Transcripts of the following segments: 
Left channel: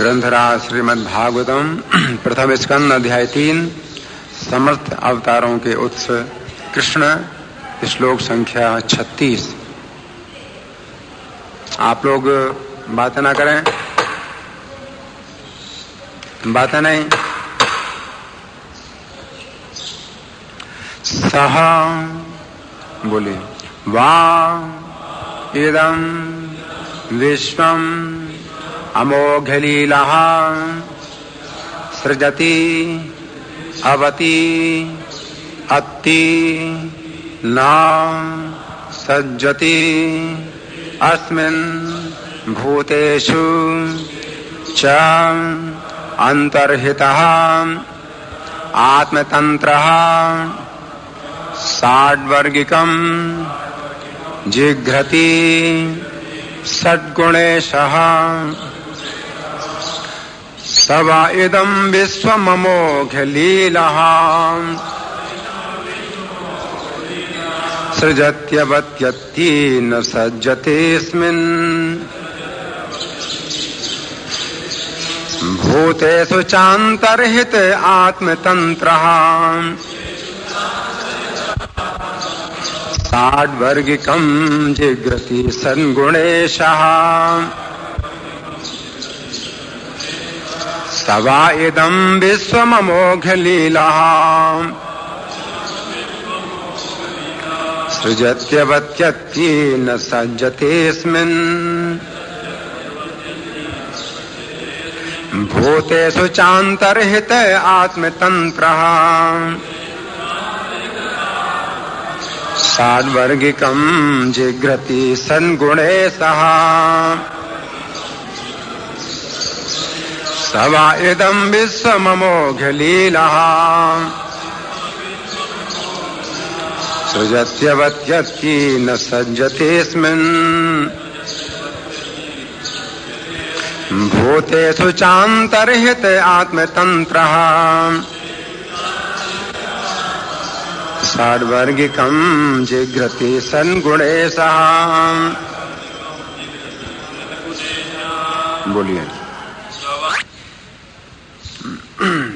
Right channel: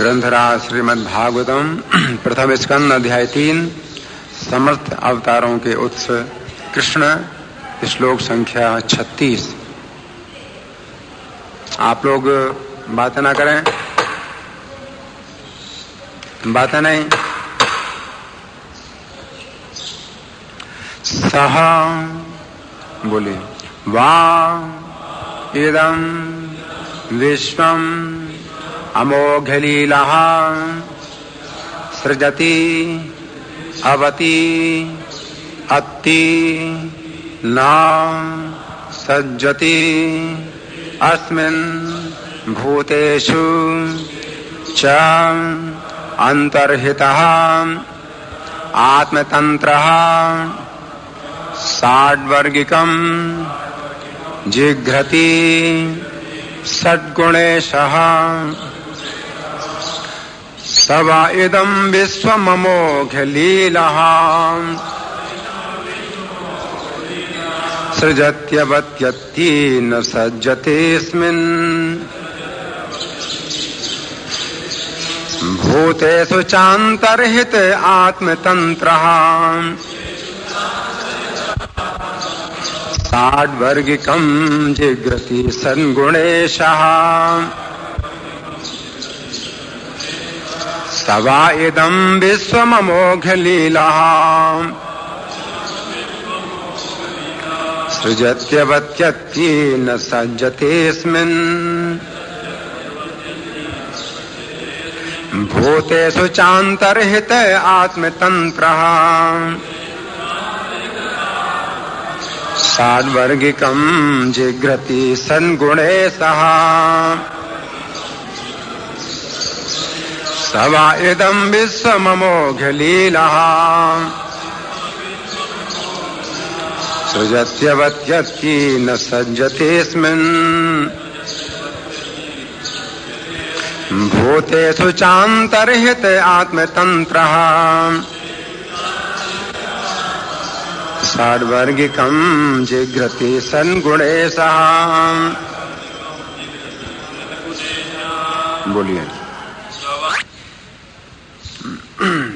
ग्रंथराज श्रीमद् भागवतम प्रथम स्कंद अध्याय 3 समस्त अवतारों के उत्स कृष्ण श्लोक संख्या 36। आप लोग बातें ना करें, बातें नहीं। सह बोले वा इदं विश्वम अमोघलीलः सृजति अवति अत्ति न सज्जति अस्मिन् भूतेषु च अंतर्हितः आत्मतंत्रः षड्वर्गिकं जिघ्रति षड्गुणेशः स वा इदं विश्वममोघलीलः सृजत्यवत्यत्ति न सज्जतेऽस्मिन् भूतेषु चान्तर्हित आत्मतन्त्रः षड्वर्गिकं जिघ्रति षड्गुणेशः स वा इदं विश्वममोघलीलः सृजत्यवत्यत्ति न सज्जतेऽस्मिन् भूतेषु चान्तर्हित आत्मतन्त्रः षड्वर्गिकं जिघ्रति षड्गुणेशः स वा इदं विश्वममोघलीलः सृजत्यवत्यत्ति न सज्जतेऽस्मिन् भूतेषु चान्तर्हित आत्मतन्त्रः षड्वर्गिकं जिघ्रति षड्गुणेशः। बोलिए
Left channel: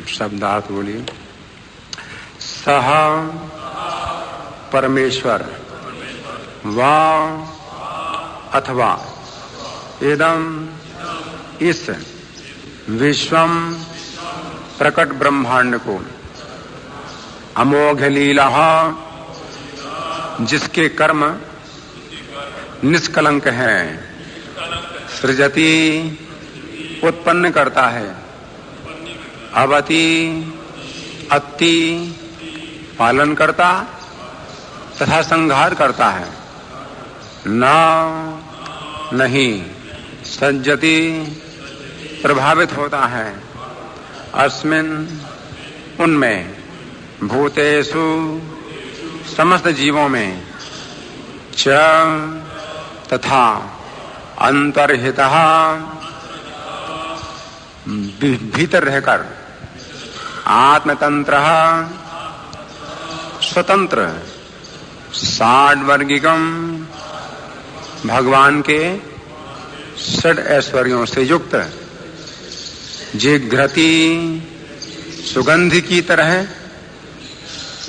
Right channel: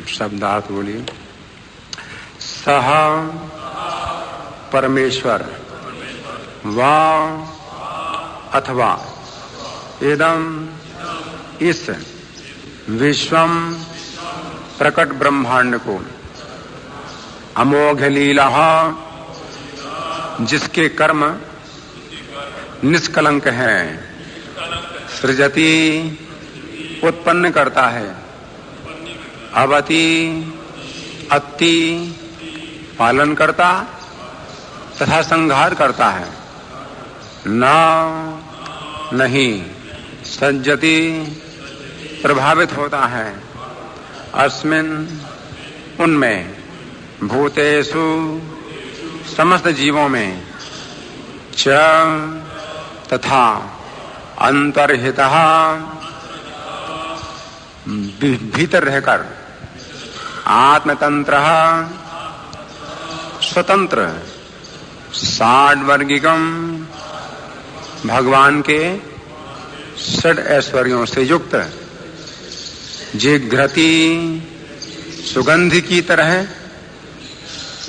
शब्दार्थ बोलिए। सह परमेश्वर वा अथवा इदं इस विश्वम प्रकट ब्रह्मांड को अमोघलीला जिसके कर्म निष्कलंक हैं सृजति उत्पन्न करता है अवति अत्ति पालन करता तथा संहार करता है न नहीं सज्जति प्रभावित होता है अस्मिन् उनमें भूतेषु समस्त जीवों में च तथा अंतर्हितः भीतर रहकर आत्मतंत्रः स्वतंत्र षड्वर्गिकम भगवान के षड ऐश्वर्यों से युक्त जिघ्रति सुगंध की तरह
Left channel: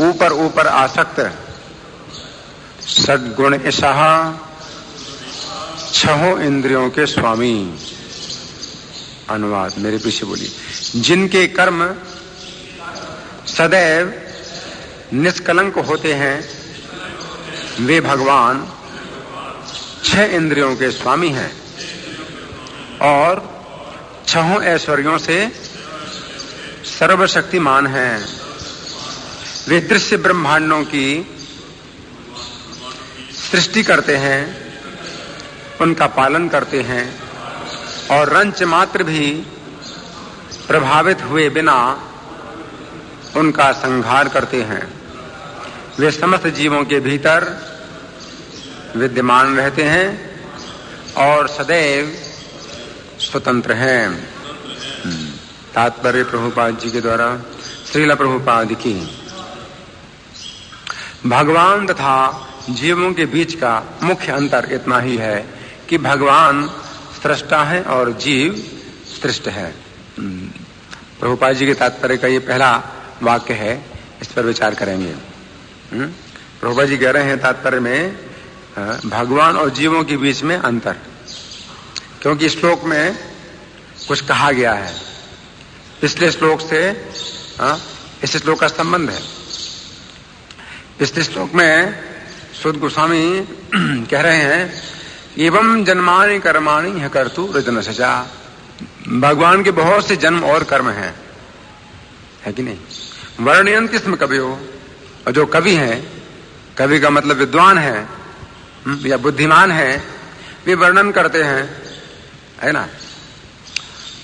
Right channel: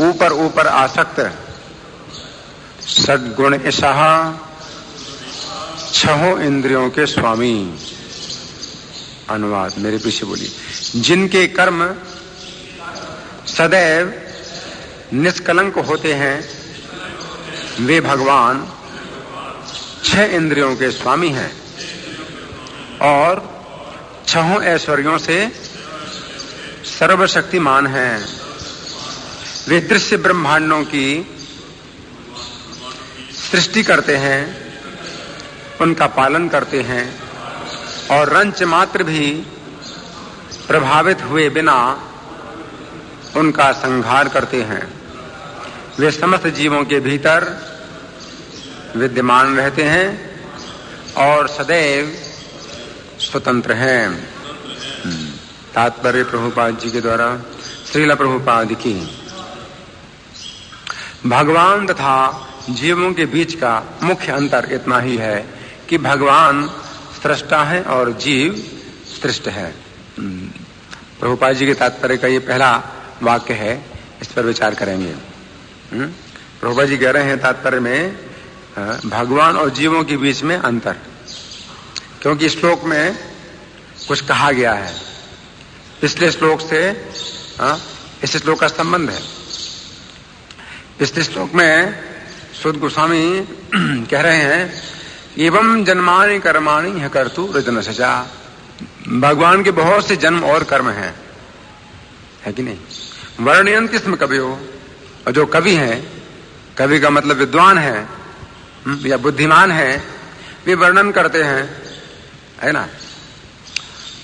ऊपर ऊपर आसक्त षड्गुणेशः छहों इंद्रियों के स्वामी। अनुवाद मेरे पीछे बोली। जिनके कर्म सदैव निष्कलंक होते हैं वे भगवान छह इंद्रियों के स्वामी हैं और छहों ऐश्वर्यों से सर्वशक्तिमान हैं। वे दृश्य ब्रह्मांडों की सृष्टि करते हैं, उनका पालन करते हैं और रंच मात्र भी प्रभावित हुए बिना उनका संहार करते हैं। वे समस्त जीवों के भीतर विद्यमान रहते हैं और सदैव स्वतंत्र हैं। तात्पर्य प्रभुपाद जी के द्वारा श्रील प्रभुपाद की। भगवान तथा जीवों के बीच का मुख्य अंतर इतना ही है कि भगवान सृष्टा है और जीव सृष्ट है। प्रभुपाद जी के तात्पर्य का ये पहला वाक्य है, इस पर विचार करेंगे। प्रभुपाद जी कह रहे हैं तात्पर्य में भगवान और जीवों के बीच में अंतर, क्योंकि श्लोक में कुछ कहा गया है, पिछले श्लोक से इस श्लोक का संबंध है। पिछले श्लोक में सूत गोस्वामी कह रहे हैं एवं जन्मानि कर्माणि ह्य कर्तु हृदय सजा। भगवान के बहुत से जन्म और कर्म हैं, है कि नहीं? वर्णयन्ति स्म कवियो, और जो कवि हैं, कवि का मतलब विद्वान है या बुद्धिमान है, वे वर्णन करते हैं, है ना?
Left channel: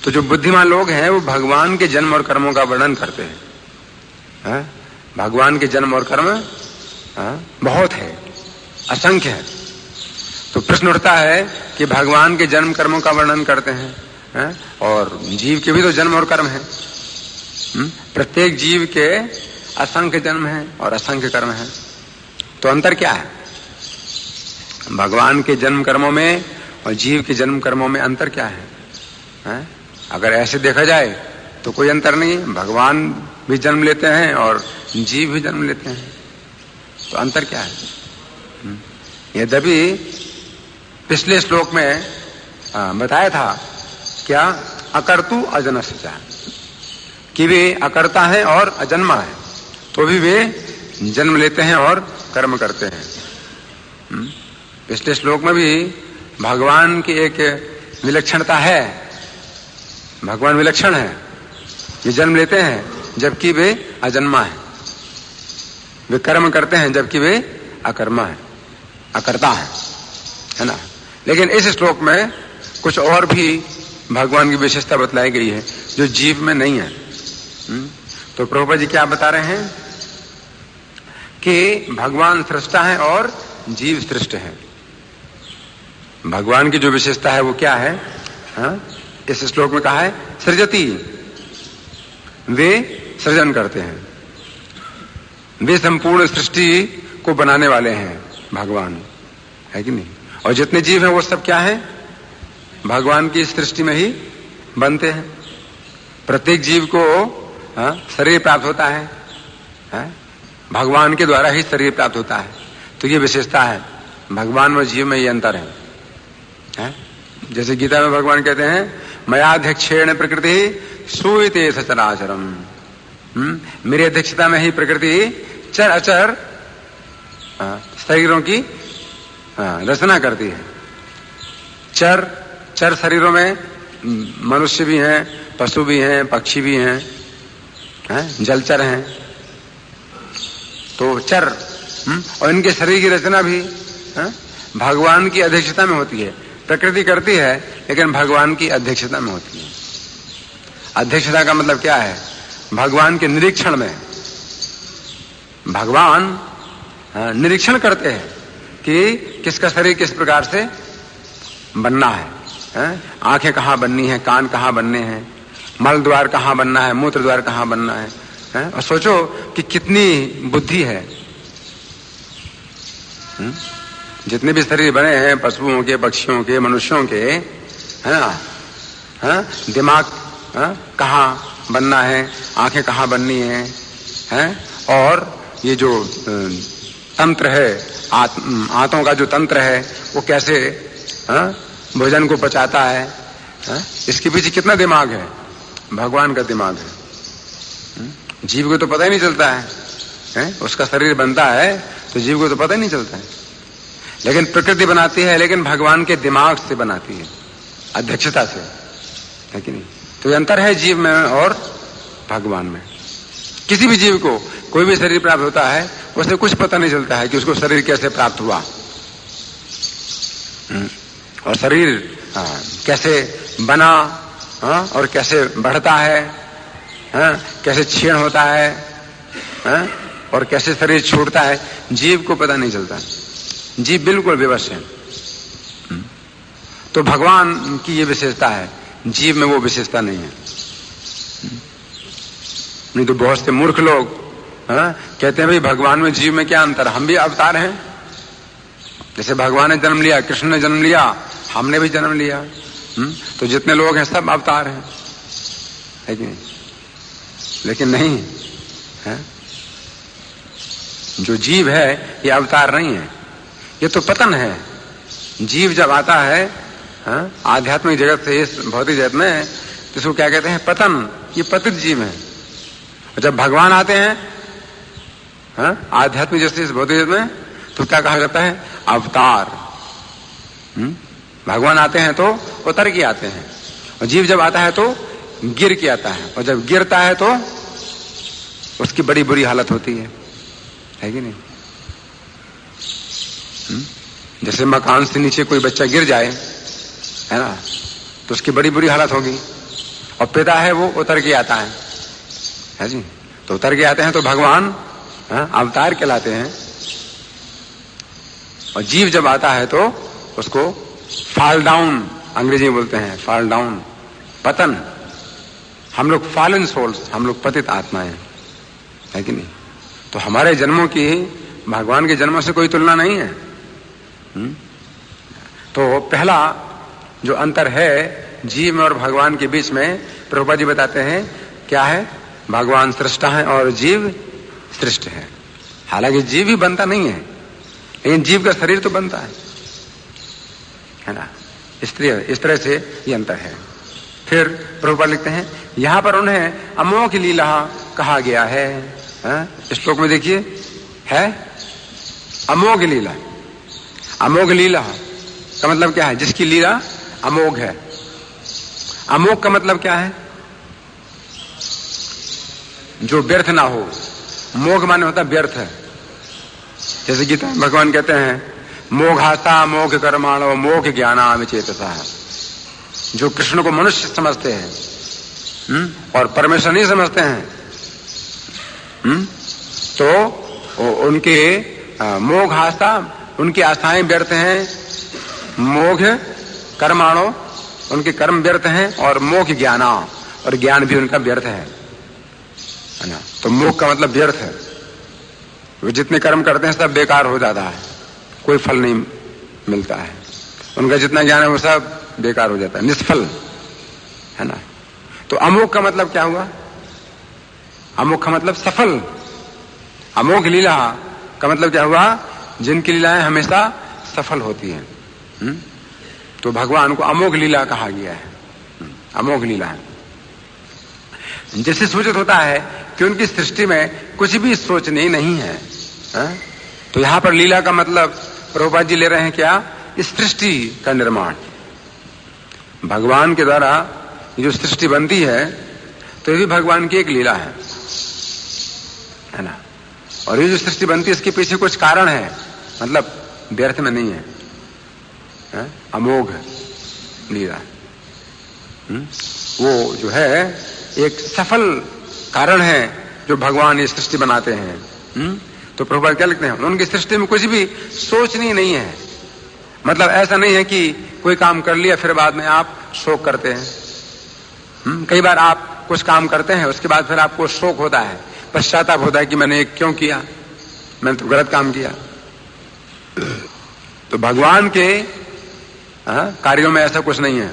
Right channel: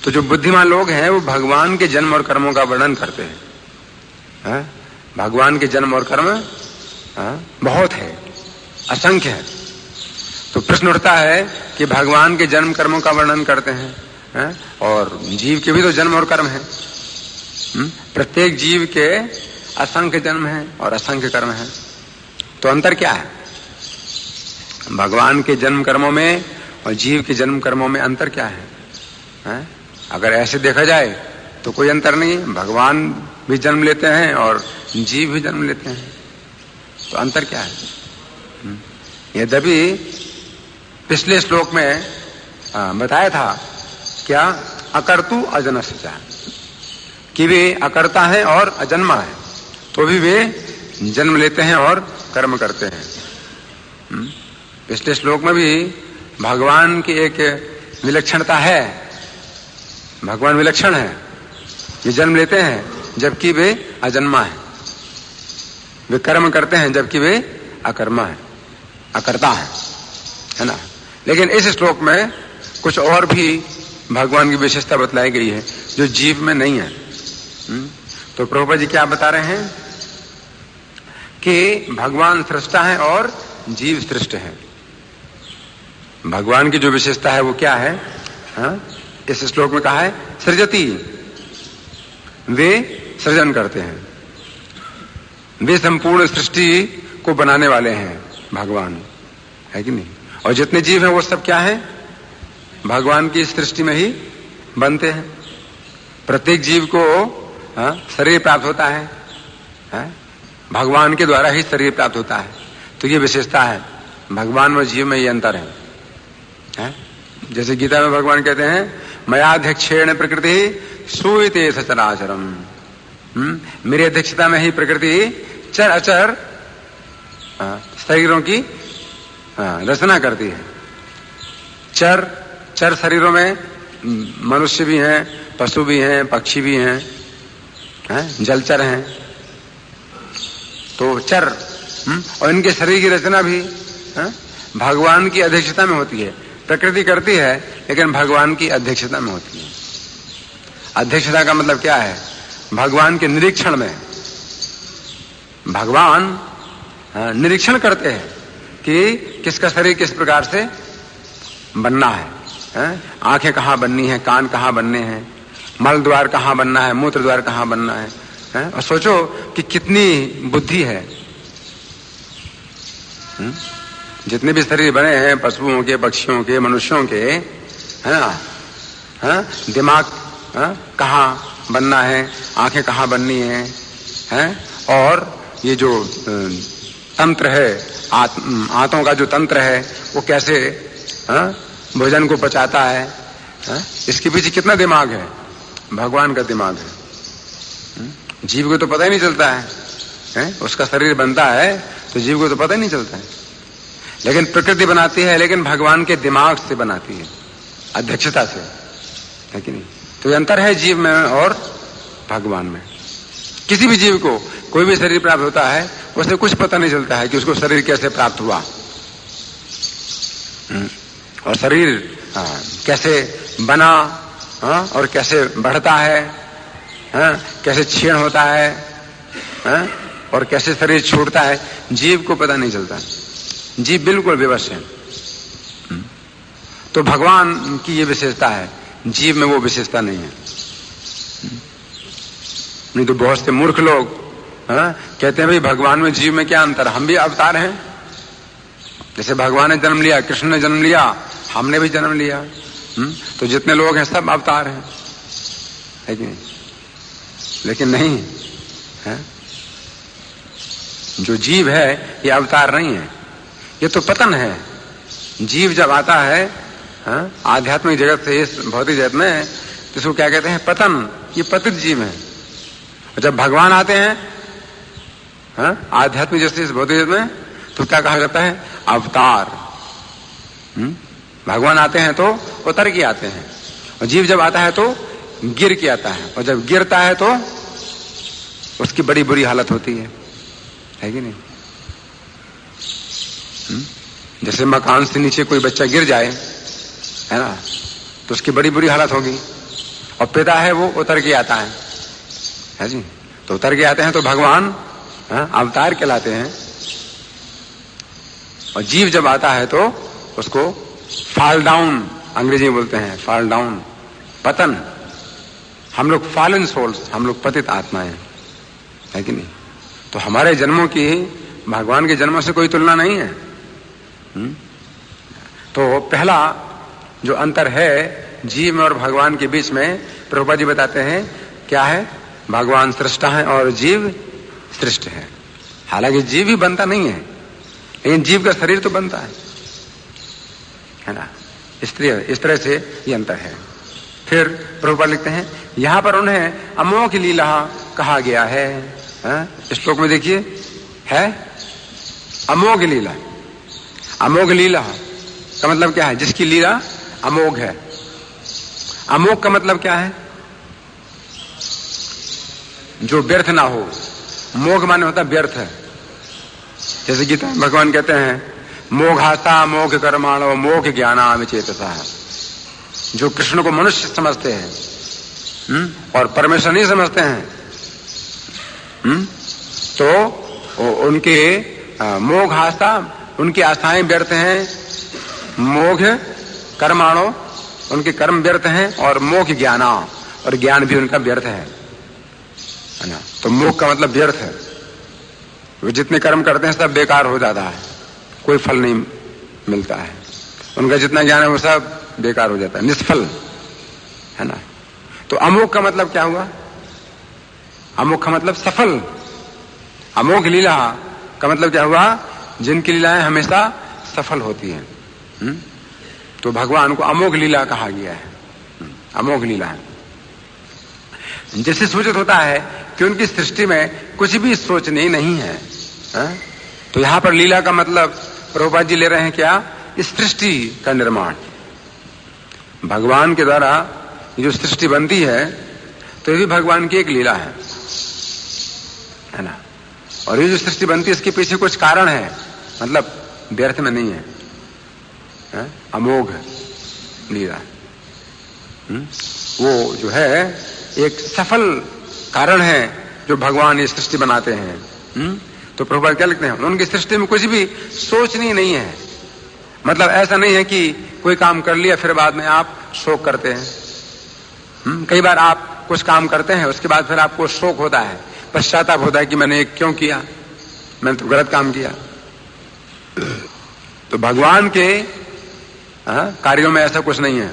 तो जो बुद्धिमान लोग हैं वो भगवान के जन्म और कर्मों का वर्णन करते हैं। भगवान के जन्म और कर्म बहुत है, असंख्य है। तो प्रश्न उठता है कि भगवान के जन्म कर्मों का वर्णन करते हैं और जीव के भी तो जन्म और कर्म है। प्रत्येक जीव के असंख्य जन्म है और असंख्य कर्म है, तो अंतर क्या है? भगवान के जन्म कर्मों में और जीव के जन्म कर्मों में अंतर क्या है? अगर ऐसे देखा जाए तो कोई अंतर नहीं, भगवान भी जन्म लेते हैं और जीव भी जन्म लेते हैं, तो अंतर क्या है? यद्यपि पिछले श्लोक में बताया था क्या, अकर्तु अजनस्य, कि वे अकर्ता है और अजन्मा है, तो भी वे जन्म लेते हैं और कर्म करते हैं। पिछले श्लोक में भी भगवान की एक विलक्षणता है, भगवान विलक्षण है, ये जन्म लेते हैं जबकि वे अजन्मा है, वे कर्म करते हैं जबकि वे अकर्मा है, अकर्ता है ना? लेकिन इस श्लोक में कुछ और भी भगवान की विशेषता बतलाई गई है जो जीव में नहीं है। तो प्रभुपाद जी क्या बता रहे हैं कि भगवान सृष्टा है और जीव सृष्ट है। भगवान की जो विशेषता है वो क्या है? इस श्लोक में कहा है सृजति, वे सृजन करते हैं, वे संपूर्ण सृष्टि को बनाने वाले हैं भगवान, है कि नहीं? और जितने जीव हैं वो सब क्या है? भगवान की सृष्टि में ही बनते हैं। प्रत्येक जीव को शरीर प्राप्त होता है, भगवान के द्वारा ही शरीर प्राप्त होता है। तो ये विशेषता है, भगवान और जीव में ये अंतर है। जैसे गीता में भगवान कहते हैं मयाध्यक्षेण प्रकृति सूयते सचराचरम, मेरी अध्यक्षता में ही प्रकृति चर अचर शरीरों की रचना करती है। चर शरीरों में मनुष्य भी हैं, पशु भी हैं, पक्षी भी हैं, जलचर हैं, तो चर और इनके शरीर की रचना भी भगवान की अध्यक्षता में होती है। प्रकृति करती है लेकिन भगवान की अध्यक्षता में होती है। अध्यक्षता का मतलब क्या है? भगवान के निरीक्षण में भगवान निरीक्षण करते हैं कि किसका शरीर किस प्रकार से बनना है, आंखें कहाँ बननी है, कान कहाँ बनने हैं, मल द्वार कहाँ बनना है, मूत्र द्वार कहाँ बनना है, और सोचो कि कितनी बुद्धि है। जितने भी शरीर बने हैं पशुओं के, पक्षियों के, मनुष्यों के, है ना, दिमाग कहाँ बनना है, आंखें कहाँ बननी है, और ये जो तंत्र है, आंतों का जो तंत्र है वो कैसे भोजन को पचाता है, इसके पीछे कितना दिमाग है? भगवान का दिमाग है। जीव को तो पता ही नहीं चलता है, उसका शरीर बनता है तो जीव को तो पता ही नहीं चलता है, लेकिन प्रकृति बनाती है, लेकिन भगवान के दिमाग से बनाती है, अध्यक्षता से, है कि नहीं? तो ये अंतर है जीव में और भगवान में। किसी भी जीव को कोई भी शरीर प्राप्त होता है उसे कुछ पता नहीं चलता है कि उसको शरीर कैसे प्राप्त हुआ, और शरीर कैसे बना, और कैसे बढ़ता है, कैसे क्षीण होता है, और कैसे शरीर छूटता है, जीव को पता नहीं चलता। जीव बिल्कुल विवश है। तो भगवान की ये विशेषता है, जीव में वो विशेषता नहीं है। नहीं तो बहुत से मूर्ख लोग कहते हैं भाई भगवान में जीव में क्या अंतर, हम भी अवतार हैं। जैसे भगवान ने जन्म लिया, कृष्ण ने जन्म लिया, हमने भी जन्म लिया, तो जितने लोग हैं सब अवतार हैं, है कि नहीं? लेकिन नहीं है, जो जीव है ये अवतार नहीं है, ये तो पतन है। जीव जब आता है आध्यात्मिक जगत से इस भौतिक जगत में, तो इसको क्या कहते हैं? पतन। ये पतित जीव है। और जब भगवान आते हैं आध्यात्मिक जगत से इस भौतिक जगत में, तो क्या कहा जाता है? अवतार। भगवान आते हैं तो उतर के आते हैं, और जीव जब आता है तो गिर के आता है, और जब गिरता है तो उसकी बड़ी बुरी हालत होती है कि नहीं? जैसे मकान से नीचे कोई बच्चा गिर जाए, है ना, तो उसकी बड़ी बुरी हालत होगी। और पिता है वो उतर के आता है जी। तो उतर के आते हैं तो भगवान अवतार कहलाते हैं। और जीव जब आता है तो उसको फॉल डाउन, अंग्रेजी में बोलते हैं फॉल डाउन, पतन। हम लोग फॉलन सोल्स, हम लोग पतित आत्माएं, है कि नहीं? तो हमारे जन्मों की भगवान के जन्मों से कोई तुलना नहीं है। तो पहला जो अंतर है जीव में और भगवान के बीच में, प्रभुपाद जी बताते हैं क्या है? भगवान सृष्टा है और जीव सृष्ट है। हालांकि जीव भी बनता नहीं है, लेकिन जीव का शरीर तो बनता है ना? इस तरह से ये अंतर है। फिर प्रभुपाद लिखते हैं यहां पर उन्हें अमोघ लीला कहा गया है। श्लोक में देखिए, है अमोघ लीला। अमोघ लीला का मतलब क्या है? जिसकी लीला अमोघ है। अमोघ का मतलब क्या है? जो व्यर्थ ना हो। मोघ माने होता व्यर्थ है। जैसे गीता में भगवान कहते हैं मोघाता मोघ कर्माणो मोघ ज्ञानाम चेतसा। जो कृष्ण को मनुष्य समझते हैं और परमेश्वर नहीं समझते हैं, तो उनके मोघ आस्था, उनकी आस्थाएं व्यर्थ हैं। मोघ कर्माणो, उनके कर्म व्यर्थ हैं। और मोघ ज्ञाना, और ज्ञान भी उनका व्यर्थ है ना? तो मोघ का मतलब व्यर्थ है। वे जितने कर्म करते हैं सब बेकार हो जाता है, कोई फल नहीं मिलता है। उनका जितना ज्ञान है वो सब बेकार हो जाता है, निष्फल, है ना? तो अमोघ का मतलब क्या हुआ? अमोघ का मतलब सफल। अमोघ लीला का मतलब क्या हुआ? जिनकी लीलाएं हमेशा सफल होती हैं। तो भगवान को अमोघ लीला कहा गया है। अमोघ लीला है, जिससे सूचित होता है कि उनकी सृष्टि में कुछ भी सोचनीय नहीं है। तो यहां पर लीला का मतलब प्रभुपाद जी ले रहे हैं क्या? इस सृष्टि का निर्माण। भगवान के द्वारा जो सृष्टि बनती है तो ये भी भगवान की एक लीला है ना? और ये जो सृष्टि बनती है इसके पीछे कुछ कारण है, मतलब व्यर्थ में नहीं है। अमोघ लीला वो जो है एक सफल कारण है जो भगवान ये सृष्टि बनाते हैं। तो प्रभुपाद क्या लिखते हैं? उनकी सृष्टि में कुछ भी सोचनीय नहीं है। मतलब ऐसा नहीं है कि कोई काम कर लिया फिर बाद में आप शोक करते हैं। कई बार आप कुछ काम करते हैं, उसके बाद फिर आपको शोक होता है, पश्चाताप होता है कि मैंने क्यों किया, मैंने तो गलत काम किया। तो भगवान के कार्यों में ऐसा कुछ नहीं है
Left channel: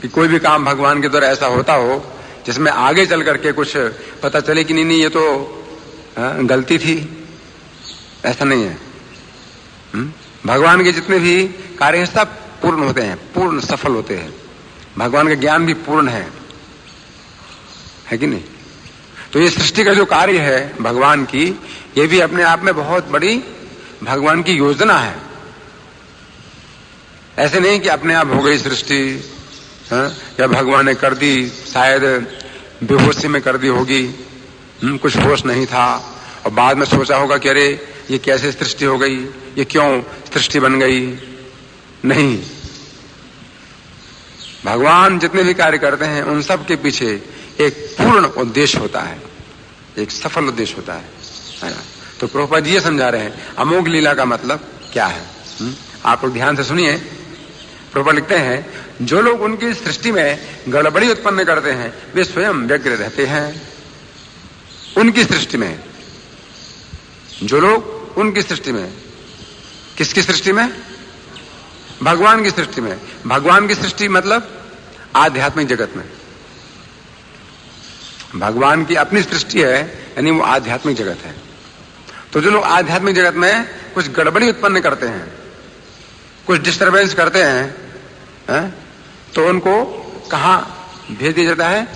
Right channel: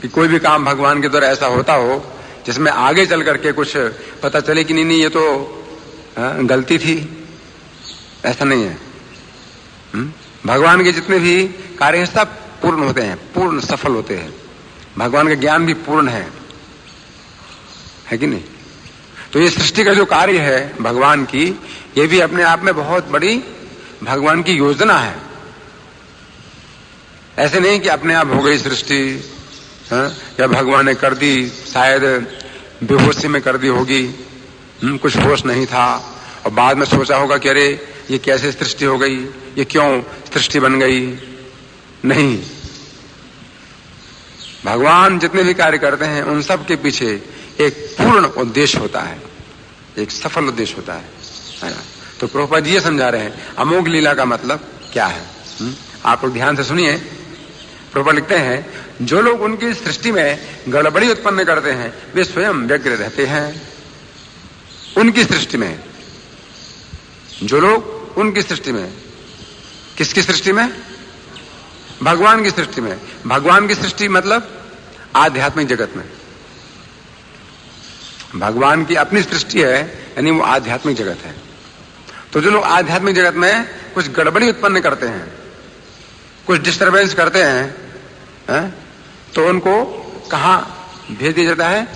कि कोई भी काम भगवान के द्वारा ऐसा होता हो जिसमें आगे चल करके कुछ पता चले कि नहीं ये तो गलती थी। ऐसा नहीं है। भगवान के जितने भी कार्य हैं सब पूर्ण होते हैं, पूर्ण सफल होते हैं। भगवान का ज्ञान भी पूर्ण है कि नहीं? तो ये सृष्टि का जो कार्य है भगवान की, ये भी अपने आप में बहुत बड़ी भगवान की योजना है। ऐसे नहीं कि अपने आप हो गई सृष्टि, या भगवान ने कर दी, शायद बेहोशी में कर दी होगी, कुछ होश नहीं था, और बाद में सोचा होगा कि अरे ये कैसे सृष्टि हो गई, ये क्यों सृष्टि बन गई। नहीं, भगवान जितने भी कार्य करते हैं उन सब के पीछे एक पूर्ण उद्देश्य होता है, एक सफल उद्देश्य होता है ना? तो प्रभुपाद जी ये समझा रहे हैं अमोघ लीला का मतलब क्या है। आप लोग ध्यान से सुनिए। प्रभुपाद लिखते हैं जो लोग उनकी सृष्टि में गड़बड़ी उत्पन्न करते हैं वे स्वयं व्यग्र रहते हैं। उनकी सृष्टि में, जो लोग उनकी सृष्टि में, किसकी सृष्टि में? भगवान की सृष्टि में। भगवान की सृष्टि मतलब आध्यात्मिक जगत में। भगवान की अपनी सृष्टि है, यानी वो आध्यात्मिक जगत है। तो जो लोग आध्यात्मिक जगत में कुछ गड़बड़ी उत्पन्न करते हैं, कुछ डिस्टरबेंस करते हैं, तो उनको कहां भेज दिया जाता है?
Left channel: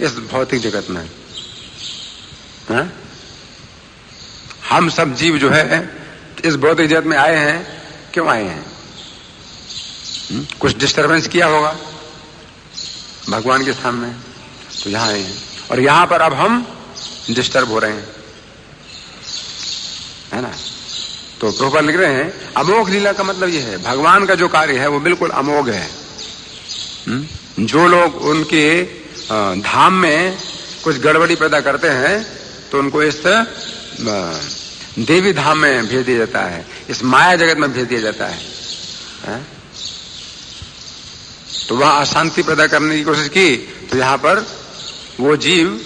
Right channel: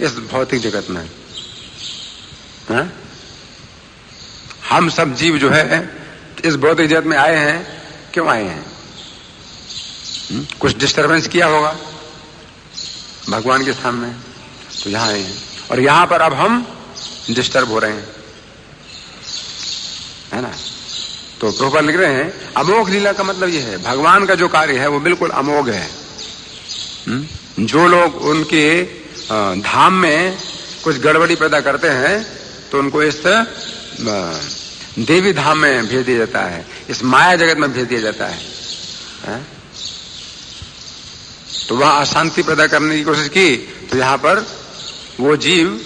इस भौतिक जगत में। हम सब जीव जो है इस भौतिक जगत में आए हैं, क्यों आए हैं? कुछ डिस्टरबेंस किया होगा भगवान के सामने, तो यहां आए हैं। और यहां पर अब हम डिस्टर्ब हो रहे हैं, है ना। तो प्रभुपाद लिख रहे हैं अमोघ लीला का मतलब यह है, भगवान का जो कार्य है वो बिल्कुल अमोघ है। जो लोग उनके धाम में कुछ गड़बड़ी पैदा करते हैं तो उनको इस देवी धाम में भेज दिया जाता है, इस माया जगत में भेज दिया जाता है। तो वहां अशांति पैदा करने की कोशिश की तो यहां पर वो जीव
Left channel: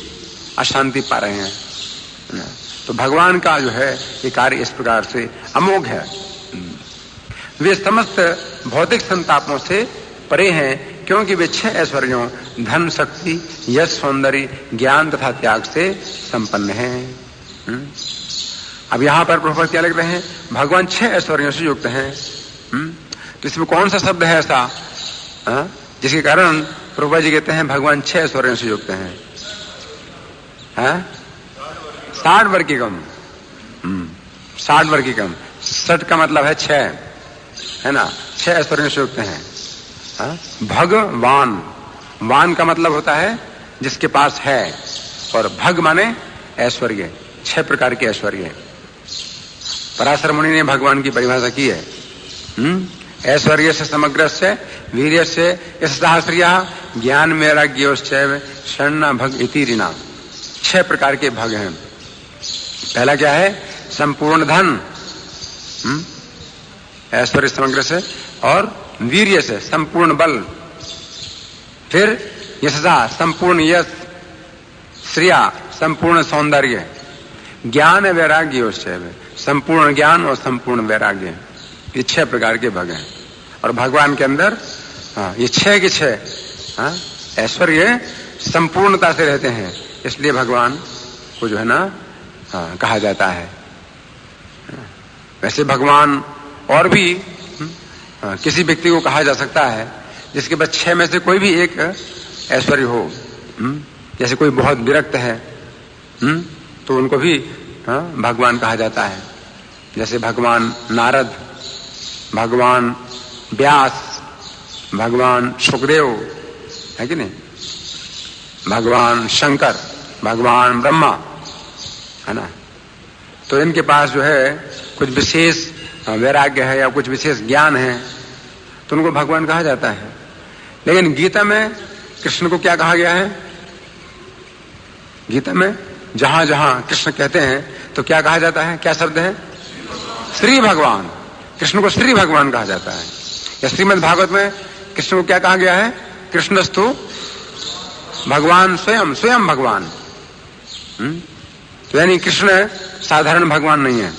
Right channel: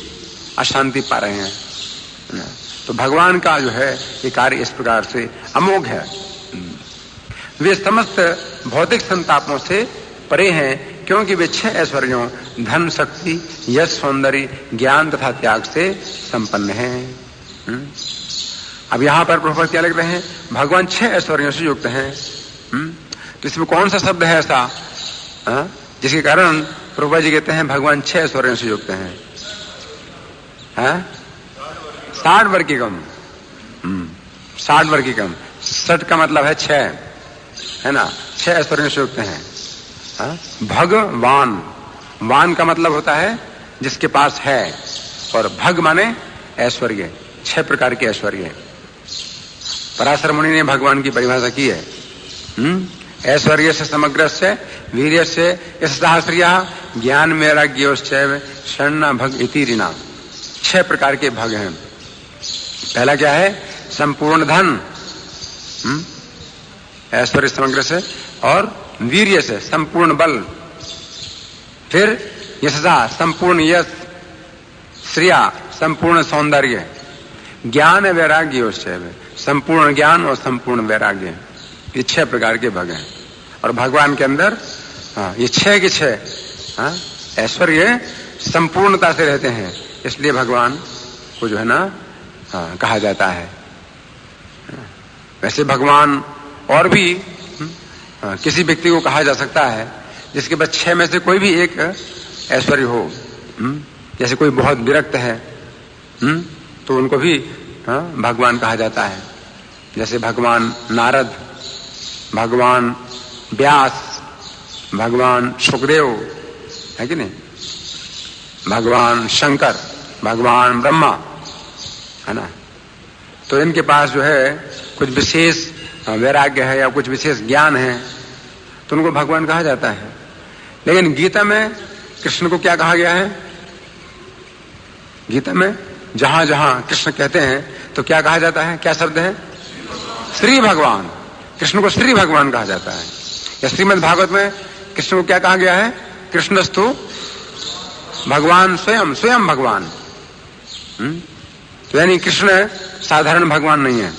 अशांति पा रहे हैं। तो भगवान का जो है ये कार्य इस प्रकार से अमोघ है। वे समस्त भौतिक संतापों से परे हैं क्योंकि वे 6 ऐश्वर्यों धन, शक्ति, यश, सौंदर्य, ज्ञान तथा त्याग से संपन्न हैं। अब यहां पर प्रभुपाद क्या लिख रहे हैं? भगवान 6 ऐश्वर्यों से युक्त हैं। तो इसमें कौन सा शब्द है ऐसा जिसके कारण प्रभुपाद जी कहते हैं भगवान 6 ऐश्वर्यों से युक्त हैं? 60 वर्गीकम। 60 वर्गीकम, 60 का मतलब है 6, है ना। 6 ऐश्वर्यों से युक्त हैं। भगवान, वान का मतलब होता है जिसके पास है, और भग माने ऐश्वर्य, 6 प्रकार के ऐश्वर्य। पराशर मुनि ने भगवान की परिभाषा की है। ऐश्वर्य से समग्र से वीर्य से सहस्रिया ज्ञान वैराग्योश्चैव शरणा भग इति ऋणा। 6 प्रकार के भग हैं। पहला क्या है? संपूर्ण धन, ऐश्वर्य समग्र से, और वीर्य से संपूर्ण बल, फिर यशसा संपूर्ण यश, श्रिया संपूर्ण सौंदर्य, ज्ञान वैराग्योश्चैव संपूर्ण ज्ञान और संपूर्ण वैराग्य। ये 6 प्रकार के भग हैं। और भगवान के अंदर ये 6 के 6 ऐश्वर्य संपूर्णता से रहते हैं, इसलिए भगवान को जो है ना कहा जाता है। वैसे भगवान और भी किसी व्यक्ति को कहा जा सकता है जिसके पास 6 में से कोई भी एक ऐश्वर्य हो। जैसे कोई बहुत विरक्त है तो उनको भी भगवान कहा जाता है। जैसे भगवान नारद, भगवान व्यास, भगवान सुखदेव, है कि नहीं, भगवान शंकर, भगवान ब्रह्मा, है ना। तो इनके पास जो है कुछ विशेष वैराग्य है या कुछ विशेष ज्ञान है, तो उनको भगवान कहा जाता है। लेकिन गीता में कृष्ण को क्या कहा गया है? गीता में जहां जहां कृष्ण कहते हैं तो क्या कहा जाता है? क्या शब्द है? श्री भगवान। कृष्ण को श्री भगवान कहा जाता है। या श्रीमद् भागवत में कृष्ण को क्या कहा गया है? कृष्णस्तु भगवान स्वयं, स्वयं भगवान। तो यानी कृष्ण साधारण भगवान नहीं है।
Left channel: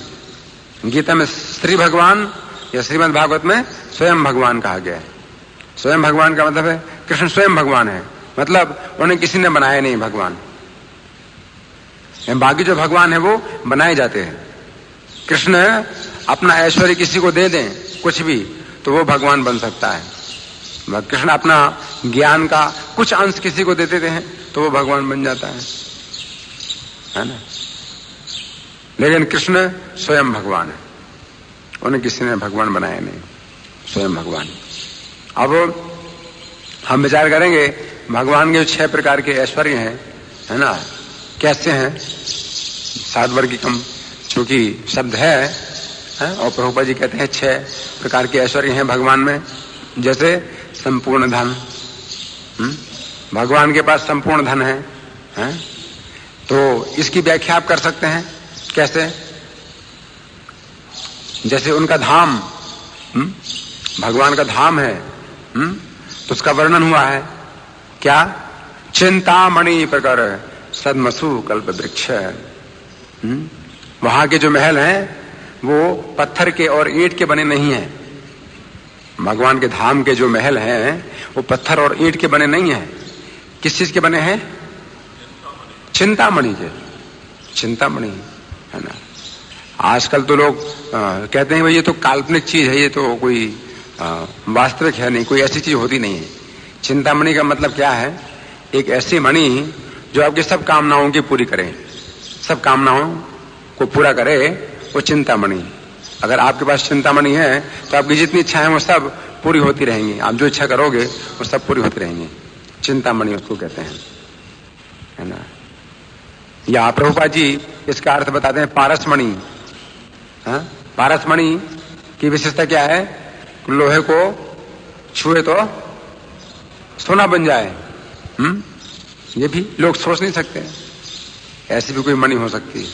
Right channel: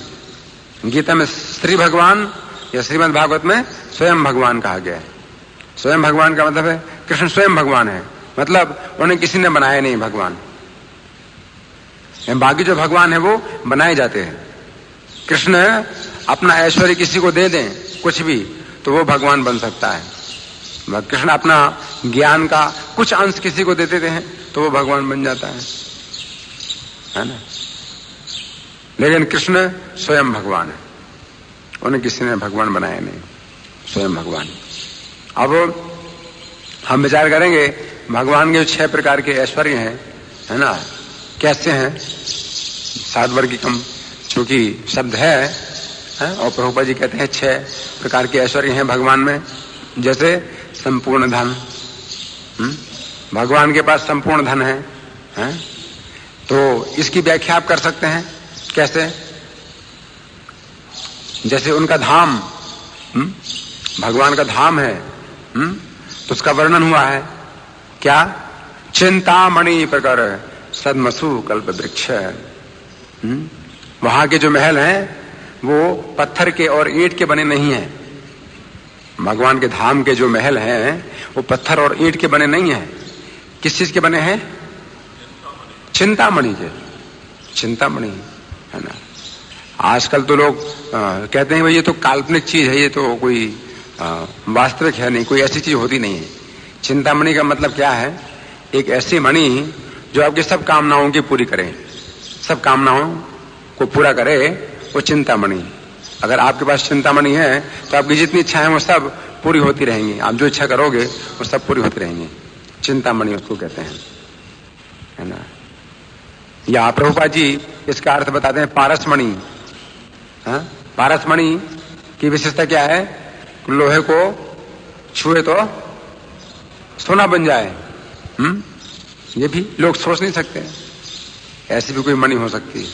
गीता में श्री भगवान या श्रीमद् भागवत में स्वयं भगवान कहा गया है। स्वयं भगवान का मतलब है कृष्ण स्वयं भगवान है, मतलब उन्हें किसी ने बनाया नहीं भगवान। बाकी जो भगवान है वो बनाए जाते हैं। कृष्ण अपना ऐश्वर्य किसी को दे दें कुछ भी तो वो भगवान बन सकता है। कृष्ण अपना ज्ञान का कुछ अंश किसी को दे देते हैं तो वो भगवान बन जाता है ना। लेकिन कृष्ण स्वयं भगवान है, उन्हें किसी ने भगवान बनाया नहीं, स्वयं भगवान। अब हम विचार करेंगे भगवान के 6 प्रकार के ऐश्वर्य हैं, है ना, कैसे हैं। 7 वर्गीकम चूंकि शब्द है और प्रभुपाद जी कहते हैं 6 प्रकार के ऐश्वर्य हैं भगवान में। जैसे संपूर्ण धन, भगवान के पास संपूर्ण धन है, तो इसकी व्याख्या आप कर सकते हैं कैसे? जैसे उनका धाम, भगवान का धाम है, तो उसका वर्णन हुआ है क्या? चिंतामणि प्रकर सदमसु कल्प वृक्ष। वहां के जो महल हैं वो पत्थर के और ईंट के बने नहीं हैं, भगवान के धाम के जो महल हैं वो पत्थर और ईंट के बने नहीं हैं। किस चीज के बने हैं? चिंतामणि के। चिंतामणि है ना। आजकल तो लोग कहते हैं भाई ये तो काल्पनिक चीज है, ये तो कोई वास्तविक है नहीं, कोई ऐसी चीज होती नहीं है। चिंतामणि का मतलब क्या है? एक ऐसी मणि जो आपकी सब कामनाओं की पूरी करे, सब कामनाओं को पूरा करे, वो चिंतामणि। अगर आपके पास चिंतामणि है तो आपकी जितनी इच्छाएं वो सब पूरी होती रहेंगी। आप जो इच्छा करोगे वो सब पूरी होती रहेंगी। चिंतामणि उसको कहते हैं, है ना। या प्रभुपाद जी इसका अर्थ बताते हैं पारसमणि। पारसमणि की विशेषता क्या है? लोहे को छुए तो सोना बन जाए। ये भी लोग सोच नहीं सकते, ऐसी भी कोई मणि हो सकती है।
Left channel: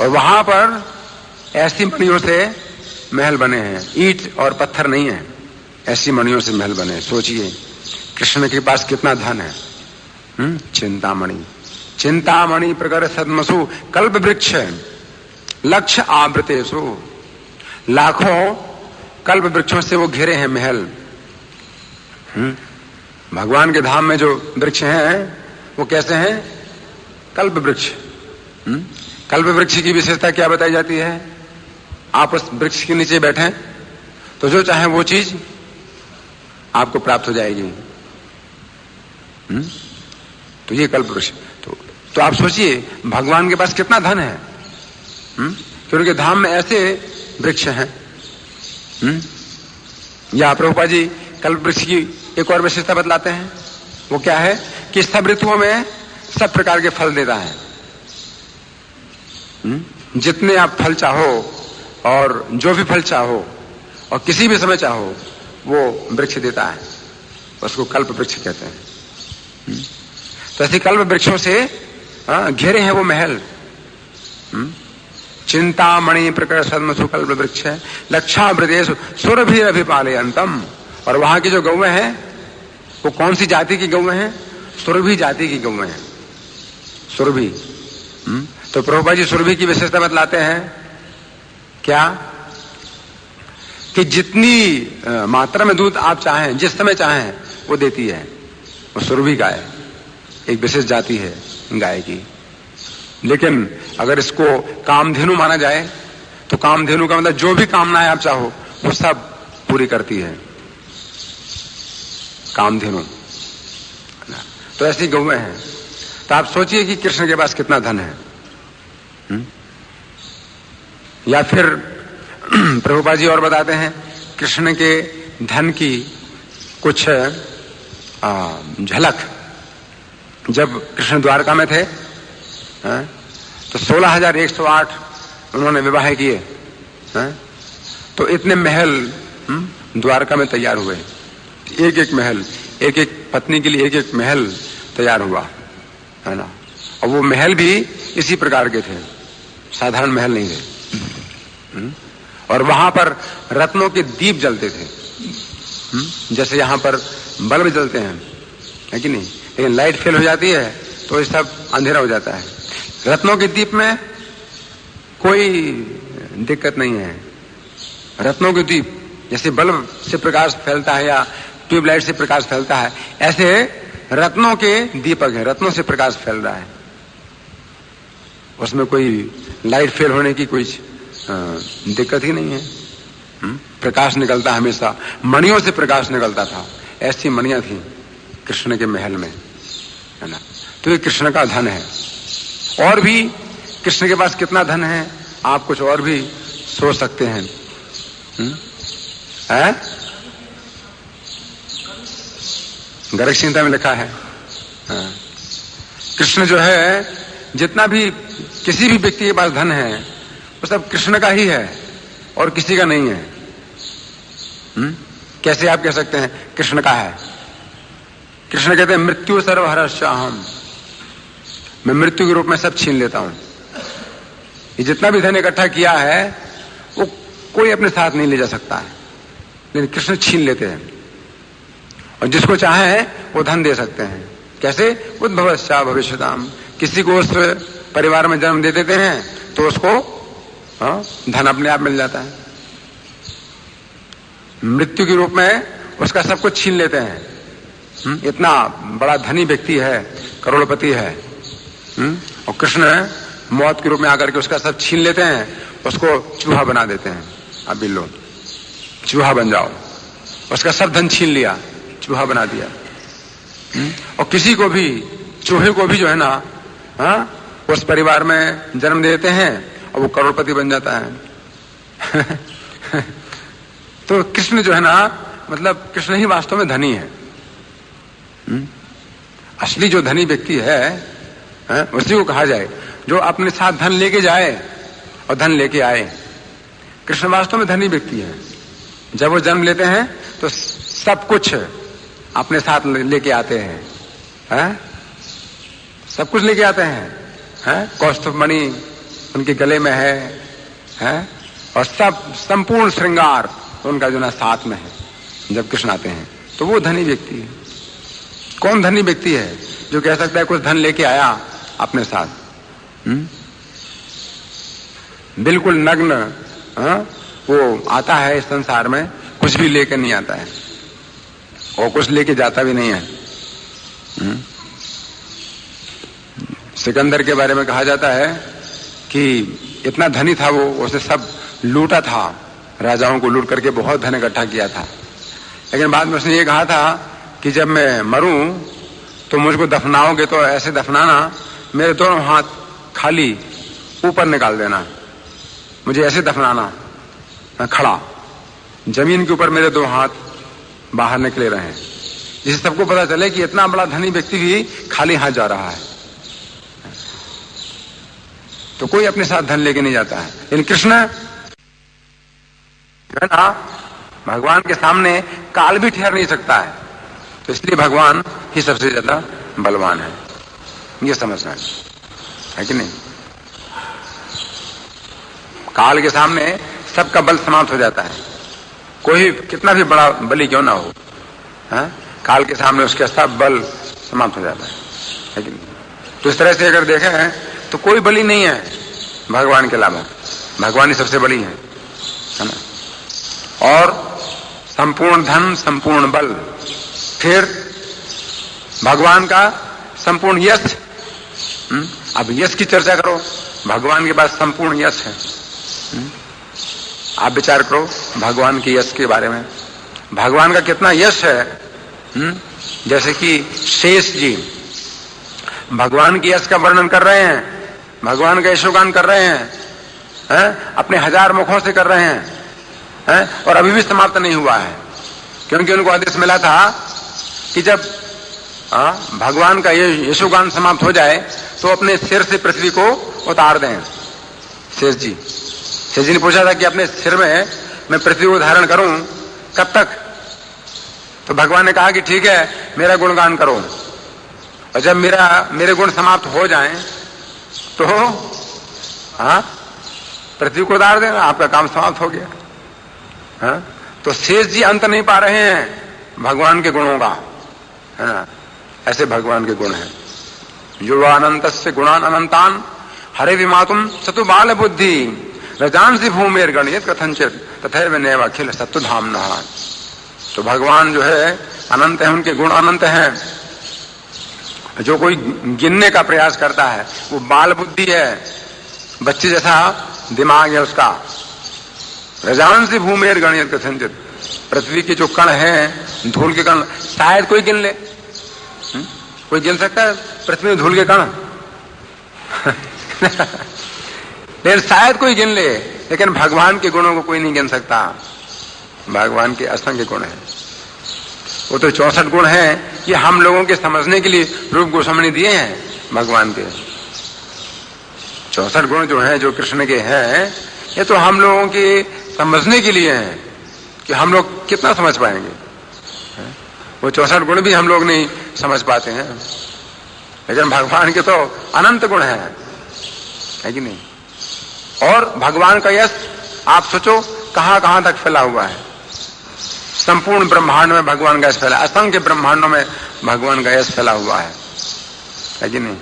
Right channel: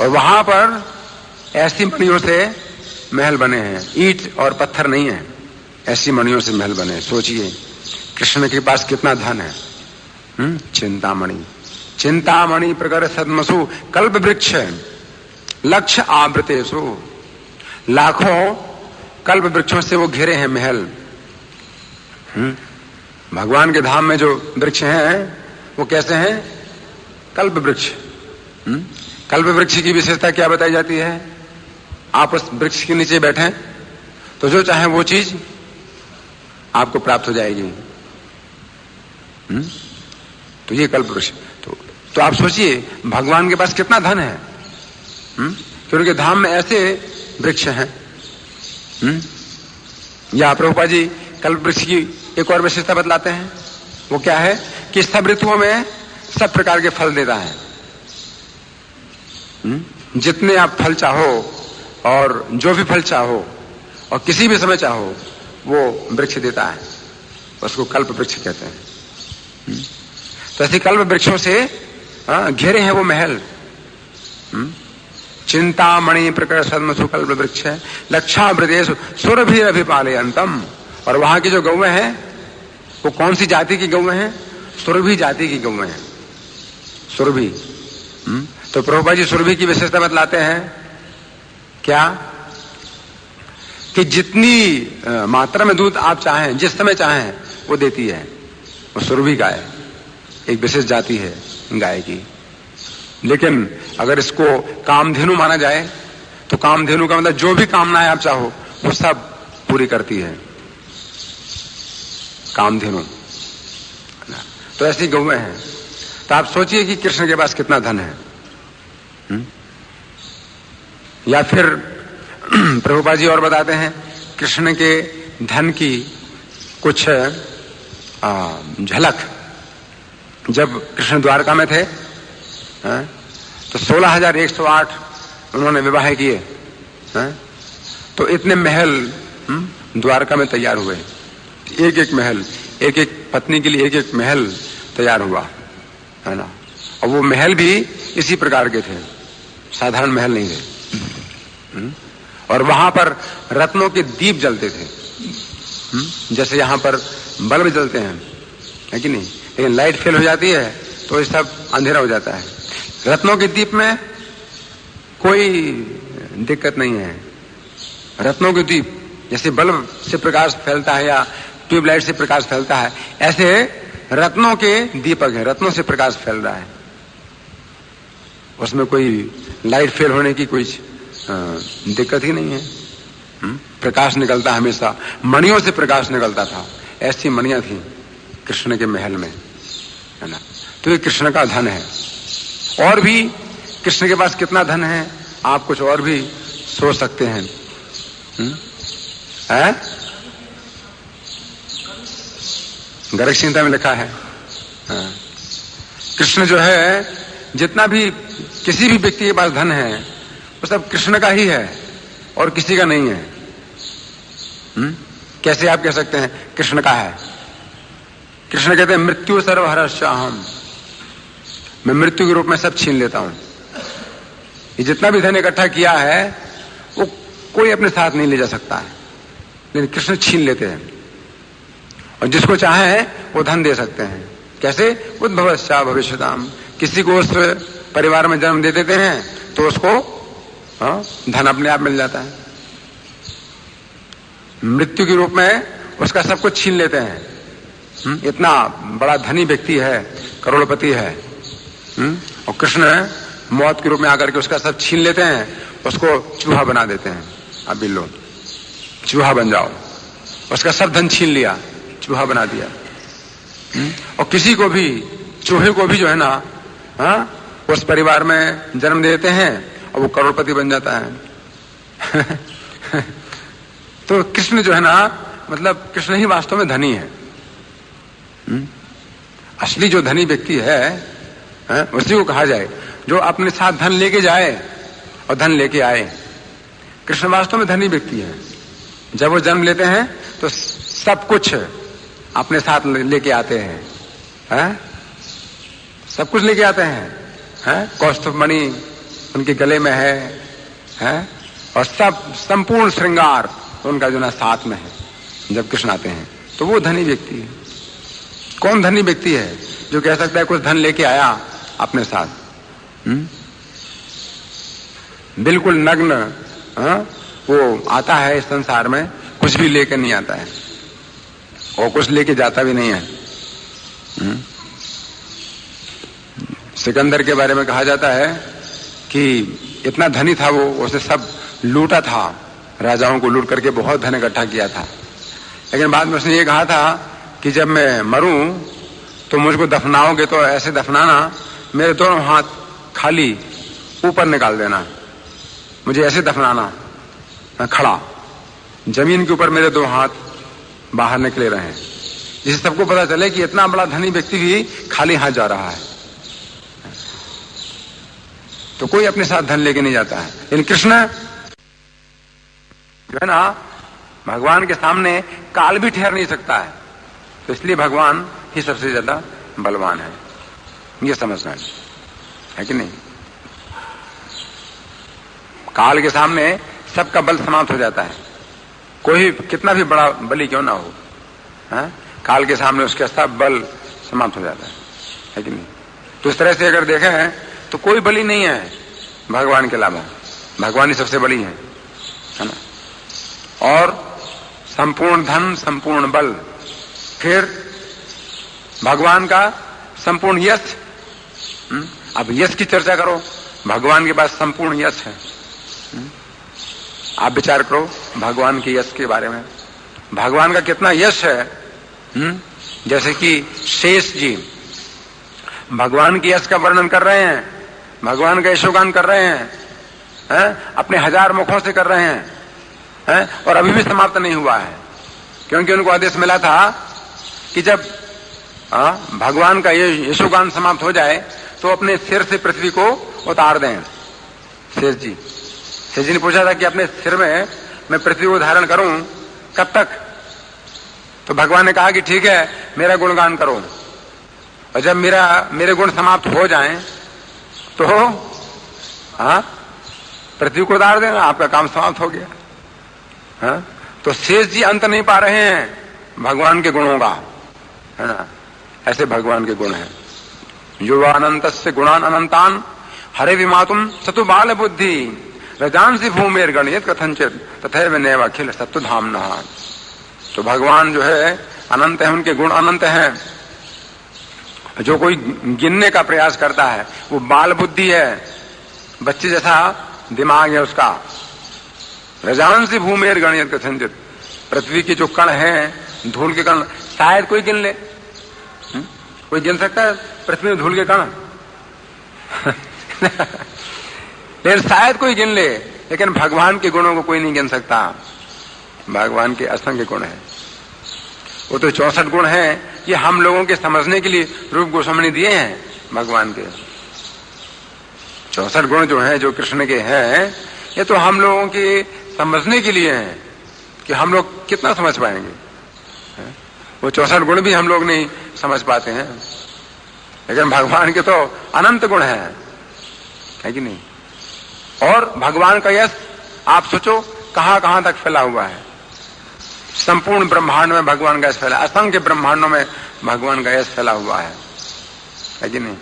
और वहां पर ऐसी मणियों से महल बने हैं, ईंट और पत्थर नहीं है, ऐसी मणियों से महल बने। सोचिए कृष्ण के पास कितना धन है। चिंतामणि। चिंतामणि प्रकर सदमसु कल्प वृक्ष लक्ष्य आवृतेषु। लाखों कल्प वृक्षों से वो घिरे हैं महल। भगवान के धाम में जो वृक्ष हैं वो कैसे हैं? कल्प वृक्ष। कल्प वृक्ष की विशेषता क्या बताई जाती है? आप उस वृक्ष के नीचे बैठे तो जो चाहे वो चीज आपको प्राप्त हो जाएगी। तो ये कल्प वृक्ष। तो आप सोचिए भगवान के पास कितना धन है। कि उनके धाम में ऐसे वृक्ष हैं। या प्रभुपाद जी कल्प वृक्ष की एक और विशेषता बतलाते हैं। वो क्या है? कि सब ऋतुओं में सब प्रकार के फल देता है। जितने आप फल चाहो और जो भी फल चाहो और किसी भी समय चाहो वो वृक्ष देता है, उसको कल्प वृक्ष कहते हैं। तो ऐसे कल्प वृक्षों से घेरे हैं वो महल। चिंतामणि प्रकर सदमसु कल्प वृक्ष है लक्षावृतेष सुरभि अभिपाले अंतम। और वहां की जो गौएं हैं वो कौन सी जाति की गौएं हैं? सुरभि जाति की गौएं हैं। सुरभि। तो प्रभुपाद जी सुरभि की विशेषता बतलाते हैं क्या? कि जितनी मात्रा में दूध आप चाहें, जिस समय चाहें वो देती है। वो सुरभि गाय एक विशेष जाति है गाय की। लेकिन अगर इसको कामधेनु माना जाए तो कामधेनु का मतलब जो भी कामनाएं आप चाहो वो सब पूरी करती है कामधेनु। तो ऐसी गौएं हैं। तो आप सोचिए कि कृष्ण के पास कितना धन है। या फिर प्रभुपाद जी और बताते हैं कृष्ण के धन की कुछ झलक। जब कृष्ण द्वारका में थे तो 16,108 उन्होंने विवाह किए। तो इतने महल द्वारका में तैयार हुए। एक एक महल, एक एक पत्नी के लिए एक एक महल तैयार हुआ, है ना। और वो महल भी इसी प्रकार के थे, साधारण महल नहीं थे। और वहां पर रत्नों के दीप जलते थे, जैसे यहां पर बल्ब जलते हैं, है कि नहीं। लेकिन लाइट फेल हो जाती है तो ये सब अंधेरा हो जाता है। रत्नों के दीप में कोई दिक्कत नहीं है। रत्नों के दीप जैसे बल्ब से प्रकाश फैलता है या ट्यूबलाइट से प्रकाश फैलता है, ऐसे रत्नों के दीपक है, रत्नों से प्रकाश फैल रहा है। उसमें कोई लाइट फेल होने की कोई दिक्कत ही नहीं है। प्रकाश निकलता हमेशा, मणियों से प्रकाश निकलता था। ऐसी मणियां थी कृष्ण के महल में, है ना। तो ये कृष्ण का धन है। और भी कृष्ण के पास कितना धन है आप कुछ और भी सोच सकते हैं। गर्ग संहिता में लिखा है कृष्ण जो है, जितना भी किसी भी व्यक्ति के पास धन है वो सब कृष्ण का ही है और किसी का नहीं है। कैसे आप कह सकते हैं कृष्ण का है? कृष्ण कहते हैं मृत्यु सर्वहरश्चाहम, मैं मृत्यु के रूप में सब छीन लेता हूं। ये जितना भी धन इकट्ठा किया है वो कोई अपने साथ नहीं ले जा सकता है, लेकिन कृष्ण छीन लेते हैं। और जिसको चाहे वो धन दे सकते हैं। कैसे? उद्भवश्चा भविष्यताम। किसी को उस परिवार में जन्म दे देते हैं तो उसको धन अपने आप मिल जाता है। मृत्यु के रूप में उसका सब कुछ छीन लेते हैं। इतना बड़ा धनी व्यक्ति है, करोड़पति है, और कृष्ण मौत के रूप में आकर के उसका सब छीन लेते हैं, उसको चूहा बना देते हैं। अब भी लो, चूहा बन जाओ, उसका सब धन छीन लिया, चूहा बना दिया। और किसी को भी, चूहे को भी जो है ना, उस परिवार में जन्म देते हैं और वो करोड़पति बन जाता है। तो कृष्ण जो है ना, मतलब कृष्ण ही वास्तव में धनी है। असली जो धनी व्यक्ति है उसी को कहा जाए, जो अपने साथ धन लेके जाए और धन लेके आए। कृष्ण वास्तव में धनी व्यक्ति है। जब वो जन्म लेते हैं तो सब कुछ अपने साथ लेके आते हैं, सब कुछ लेके आते हैं, कौस्तुभ मणि उनके गले में है, और सब संपूर्ण श्रृंगार उनका जो ना साथ में है जब कृष्ण आते हैं। तो वो धनी व्यक्ति है। कौन धनी व्यक्ति है जो कह सकता है कुछ धन लेके आया अपने साथ? बिल्कुल नग्न वो आता है इस संसार में, कुछ भी लेकर नहीं आता है और कुछ लेके जाता भी नहीं है। सिकंदर के बारे में कहा जाता है कि इतना धनी था वो, उसने सब लूटा था, राजाओं को लूट करके बहुत धन इकट्ठा किया था। लेकिन बाद में उसने ये कहा था कि जब मैं मरूं तो मुझको दफनाओगे तो ऐसे दफनाना, मेरे दोनों हाथ खाली ऊपर निकाल देना, मुझे ऐसे दफनाना खड़ा, जमीन के ऊपर मेरे दो हाथ बाहर निकले रहे, जिससे सबको पता चले कि इतना बड़ा धनी व्यक्ति भी खाली हाथ जा रहा है। तो कोई अपने साथ धन लेके नहीं जाता है। लेकिन कृष्ण जो है ना, भगवान के सामने काल भी ठहर नहीं सकता है, तो इसलिए भगवान ही सबसे ज्यादा बलवान है, ये समझना है कि नहीं। काल के सामने सबका बल समाप्त हो जाता है, कोई कितना भी बड़ा बली क्यों ना हो, काल के सामने उसका सब बल समाप्त हो जाता है कि नहीं। तो इस तरह से अगर देखें तो कोई बली नहीं है भगवान के अलावा, भगवान ही सबसे बली है ना। और संपूर्ण धन, संपूर्ण बल, फिर भगवान का संपूर्ण यश। अब यश की चर्चा करो, भगवान के पास संपूर्ण यश है। आप विचार करो भगवान के यश के बारे में, भगवान का कितना यश है। जैसे कि शेष जी भगवान के यश का वर्णन कर रहे हैं, भगवान का यशोगान कर रहे हैं, अपने 1000 मुखों से कर रहे हैं, और अभी भी समाप्त नहीं हुआ है, क्योंकि उनको आदेश मिला था कि जब भगवान का यशोगान समाप्त हो जाए तो अपने सिर से पृथ्वी को उतार दें। शेष जी ने पूछा था कि अपने सिर में मैं पृथ्वी को धारण करूं कब तक? तो भगवान ने कहा कि ठीक है, मेरा गुणगान करो, और जब मेरे गुण समाप्त हो जाएं तो पृथ्वी को उतार देना, आपका काम समाप्त हो गया। तो शेष जी अंत नहीं पा रहे हैं भगवान के गुणों का, है ना। ऐसे भगवान के गुण हैं। युवानंतस्य गुणान अनंतान हरे विमातुम सतु बाल बुद्धि रजांसी भूमिर गणित कथंचित तथैव नैव अखिल सत्तुधाम्ना। तो भगवान जो है अनंत है, उनके गुण अनंत हैं। जो कोई गिनने का प्रयास करता है वो बाल बुद्धि है, बच्चे जैसा दिमाग है उसका। रजांसी भूमिर गणित कथंचित, पृथ्वी के जो कण हैं, धूल के कण, शायद कोई गिन ले। कोई गिन सकता है पृथ्वी में धूल के कण? लेकिन शायद कोई गिन ले, लेकिन भगवान के गुणों को कोई नहीं गिन सकता। भगवान के असंख्य गुण हैं, वो तो 64 गुण हैं। ये हम लोगों के समझने के लिए रूप गोस्वामी ने दिए हैं भगवान के। 64 गुण जो हैं, जो कृष्ण के हैं, ये तो हम लोगों के समझने के लिए हैं कि हम लोग कितना समझ पाएंगे। वो 64 गुण भी हम लोग नहीं समझ पाते हैं, लेकिन भगवान के तो अनंत गुण है कि नहीं। और भगवान का यश आप सोचो कहां कहां तक फैला हुआ है। संपूर्ण ब्रह्मांड में भगवान का यश फैला, असंख्य ब्रह्मांडों में भगवान का यश फैला हुआ है कि नहीं।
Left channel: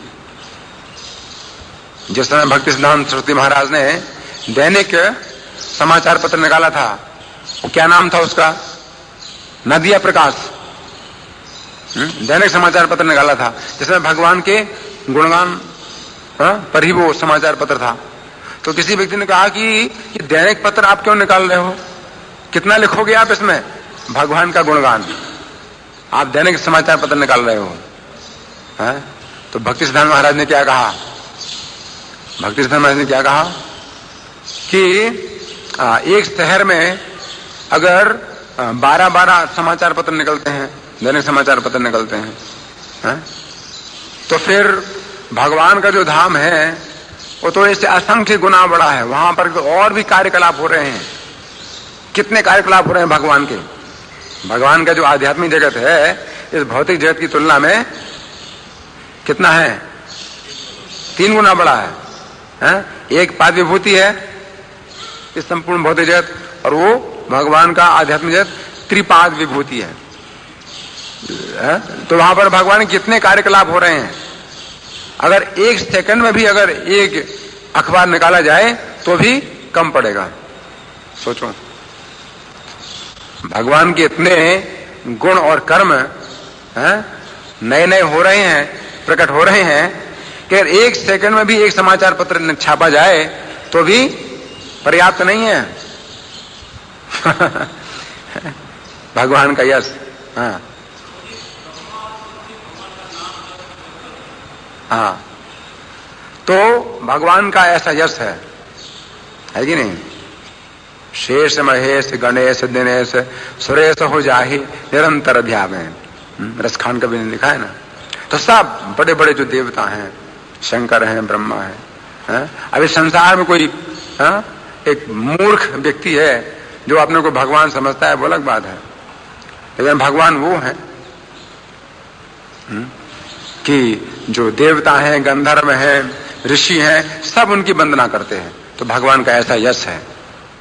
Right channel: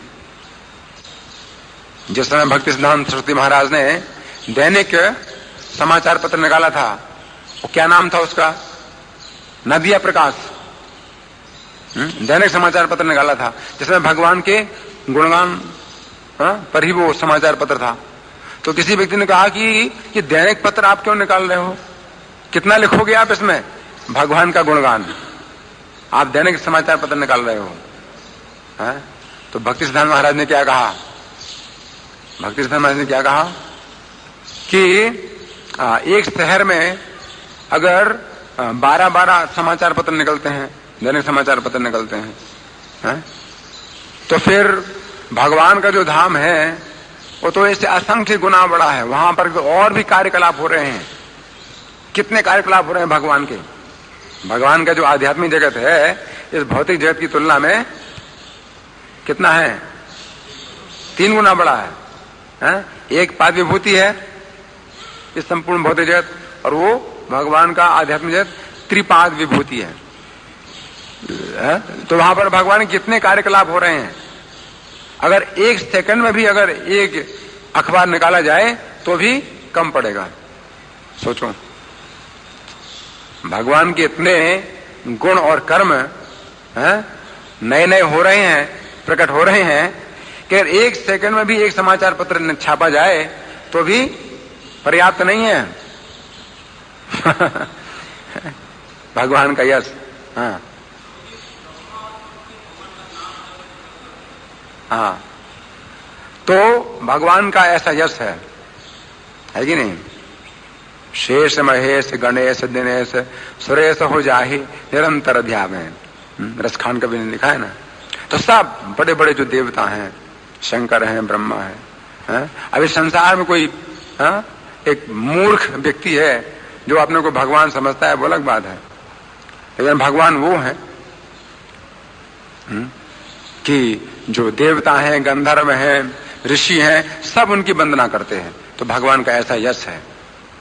जिस समय भक्ति सिद्धांत सरस्वती महाराज ने दैनिक समाचार पत्र निकाला था, वो क्या नाम था उसका? न दिया प्रकाश। दैनिक समाचार पत्र निकाला था जिसमें भगवान के गुणगान पर ही वो समाचार पत्र था। तो किसी व्यक्ति ने कहा कि दैनिक पत्र आप क्यों निकाल रहे हो, कितना लिखोगे आप इसमें भगवान का गुणगान, आप दैनिक समाचार पत्र निकाल रहे हो। तो भक्ति सिद्धांत महाराज ने क्या कहा, भक्ति सिद्धांत महाराज ने क्या कहा कि एक शहर में अगर 12-12 समाचार पत्र निकलते हैं, दैनिक समाचार पत्र निकलते हैं, तो फिर भगवान का जो धाम है वो तो इससे असंख्य गुना बड़ा है। वहां पर और भी कार्यकलाप हो रहे हैं, कितने कार्यकलाप हो रहे हैं भगवान के। भगवान का जो आध्यात्मिक जगत है इस भौतिक जगत की तुलना में कितना है, 3 गुना बड़ा है। एक पाद विभूति है इस संपूर्ण भौतिक जगत, और वो भगवान का आध्यात्मिक जगत त्रिपाद विभूति है। तो वहां पर भगवान के कितने कार्यकलाप हो रहे हैं। अगर एक सेकंड में भी अगर एक अखबार निकाला जाए तो भी कम पड़ेगा। सोचो, भगवान के इतने गुण और कर्म नए नए हो रहे हैं, प्रकट हो रहे हैं कि अगर एक सेकंड में भी एक समाचार पत्र छापा जाए तो भी पर्याप्त नहीं है। भगवान का यश। हाँ, तो भगवान का ऐसा यश है कि नहीं। शेष महेश गणेश दिनेश सुरेश हो जाहि निरंतर ध्यान, रसखान कवि ने लिखा है ना। तो सब बड़े बड़े जो देवता हैं, शंकर हैं, ब्रह्मा है। अभी संसार में कोई एक मूर्ख व्यक्ति है जो अपने को भगवान समझता है, वो अलग बात है। लेकिन भगवान वो है कि जो देवता हैं, गंधर्व हैं, ऋषि हैं, सब उनकी वंदना करते हैं। तो भगवान का ऐसा यश है,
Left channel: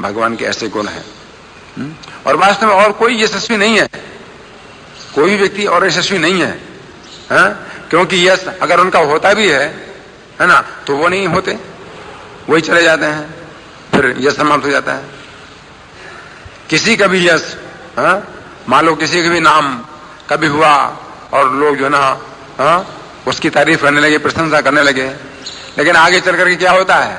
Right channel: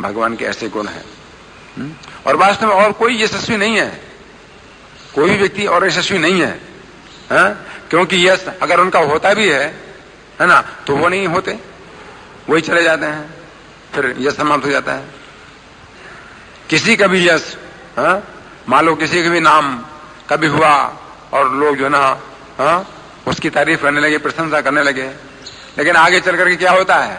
भगवान के ऐसे गुण हैं। और वास्तव में और कोई यशस्वी नहीं है, कोई व्यक्ति और यशस्वी नहीं है। क्योंकि यश अगर उनका होता भी है ना, तो वो नहीं होते, वही चले जाते हैं, फिर यश समाप्त हो जाता है। किसी का भी यश, मान लो किसी का भी नाम कभी हुआ और लोग जो ना उसकी तारीफ करने लगे, प्रशंसा करने लगे, लेकिन आगे चल करके क्या होता है,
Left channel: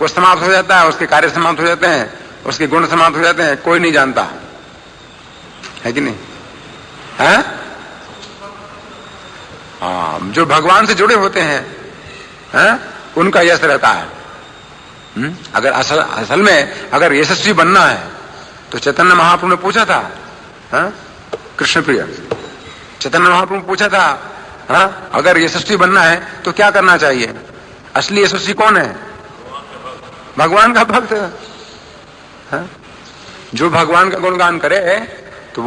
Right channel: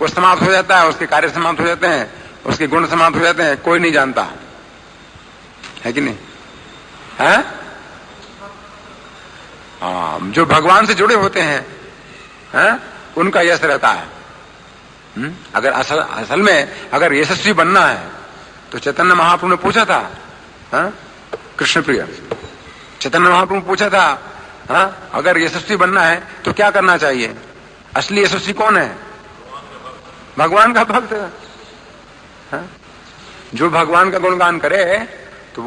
वो समाप्त हो जाता है, उसके कार्य समाप्त हो जाते हैं, उसके गुण समाप्त हो जाते हैं, कोई नहीं जानता है कि नहीं है। जो भगवान से जुड़े होते हैं उनका यश रहता है। अगर असल में अगर यशस्वी बनना है तो चैतन्य महाप्रभु ने पूछा था, कृष्ण प्रिय चैतन्य महाप्रभु पूछा था, अगर यशस्वी बनना है तो क्या करना चाहिए। असली यशस्वी कौन है, भगवान का भक्त है। जो भगवान का गुणगान करे तो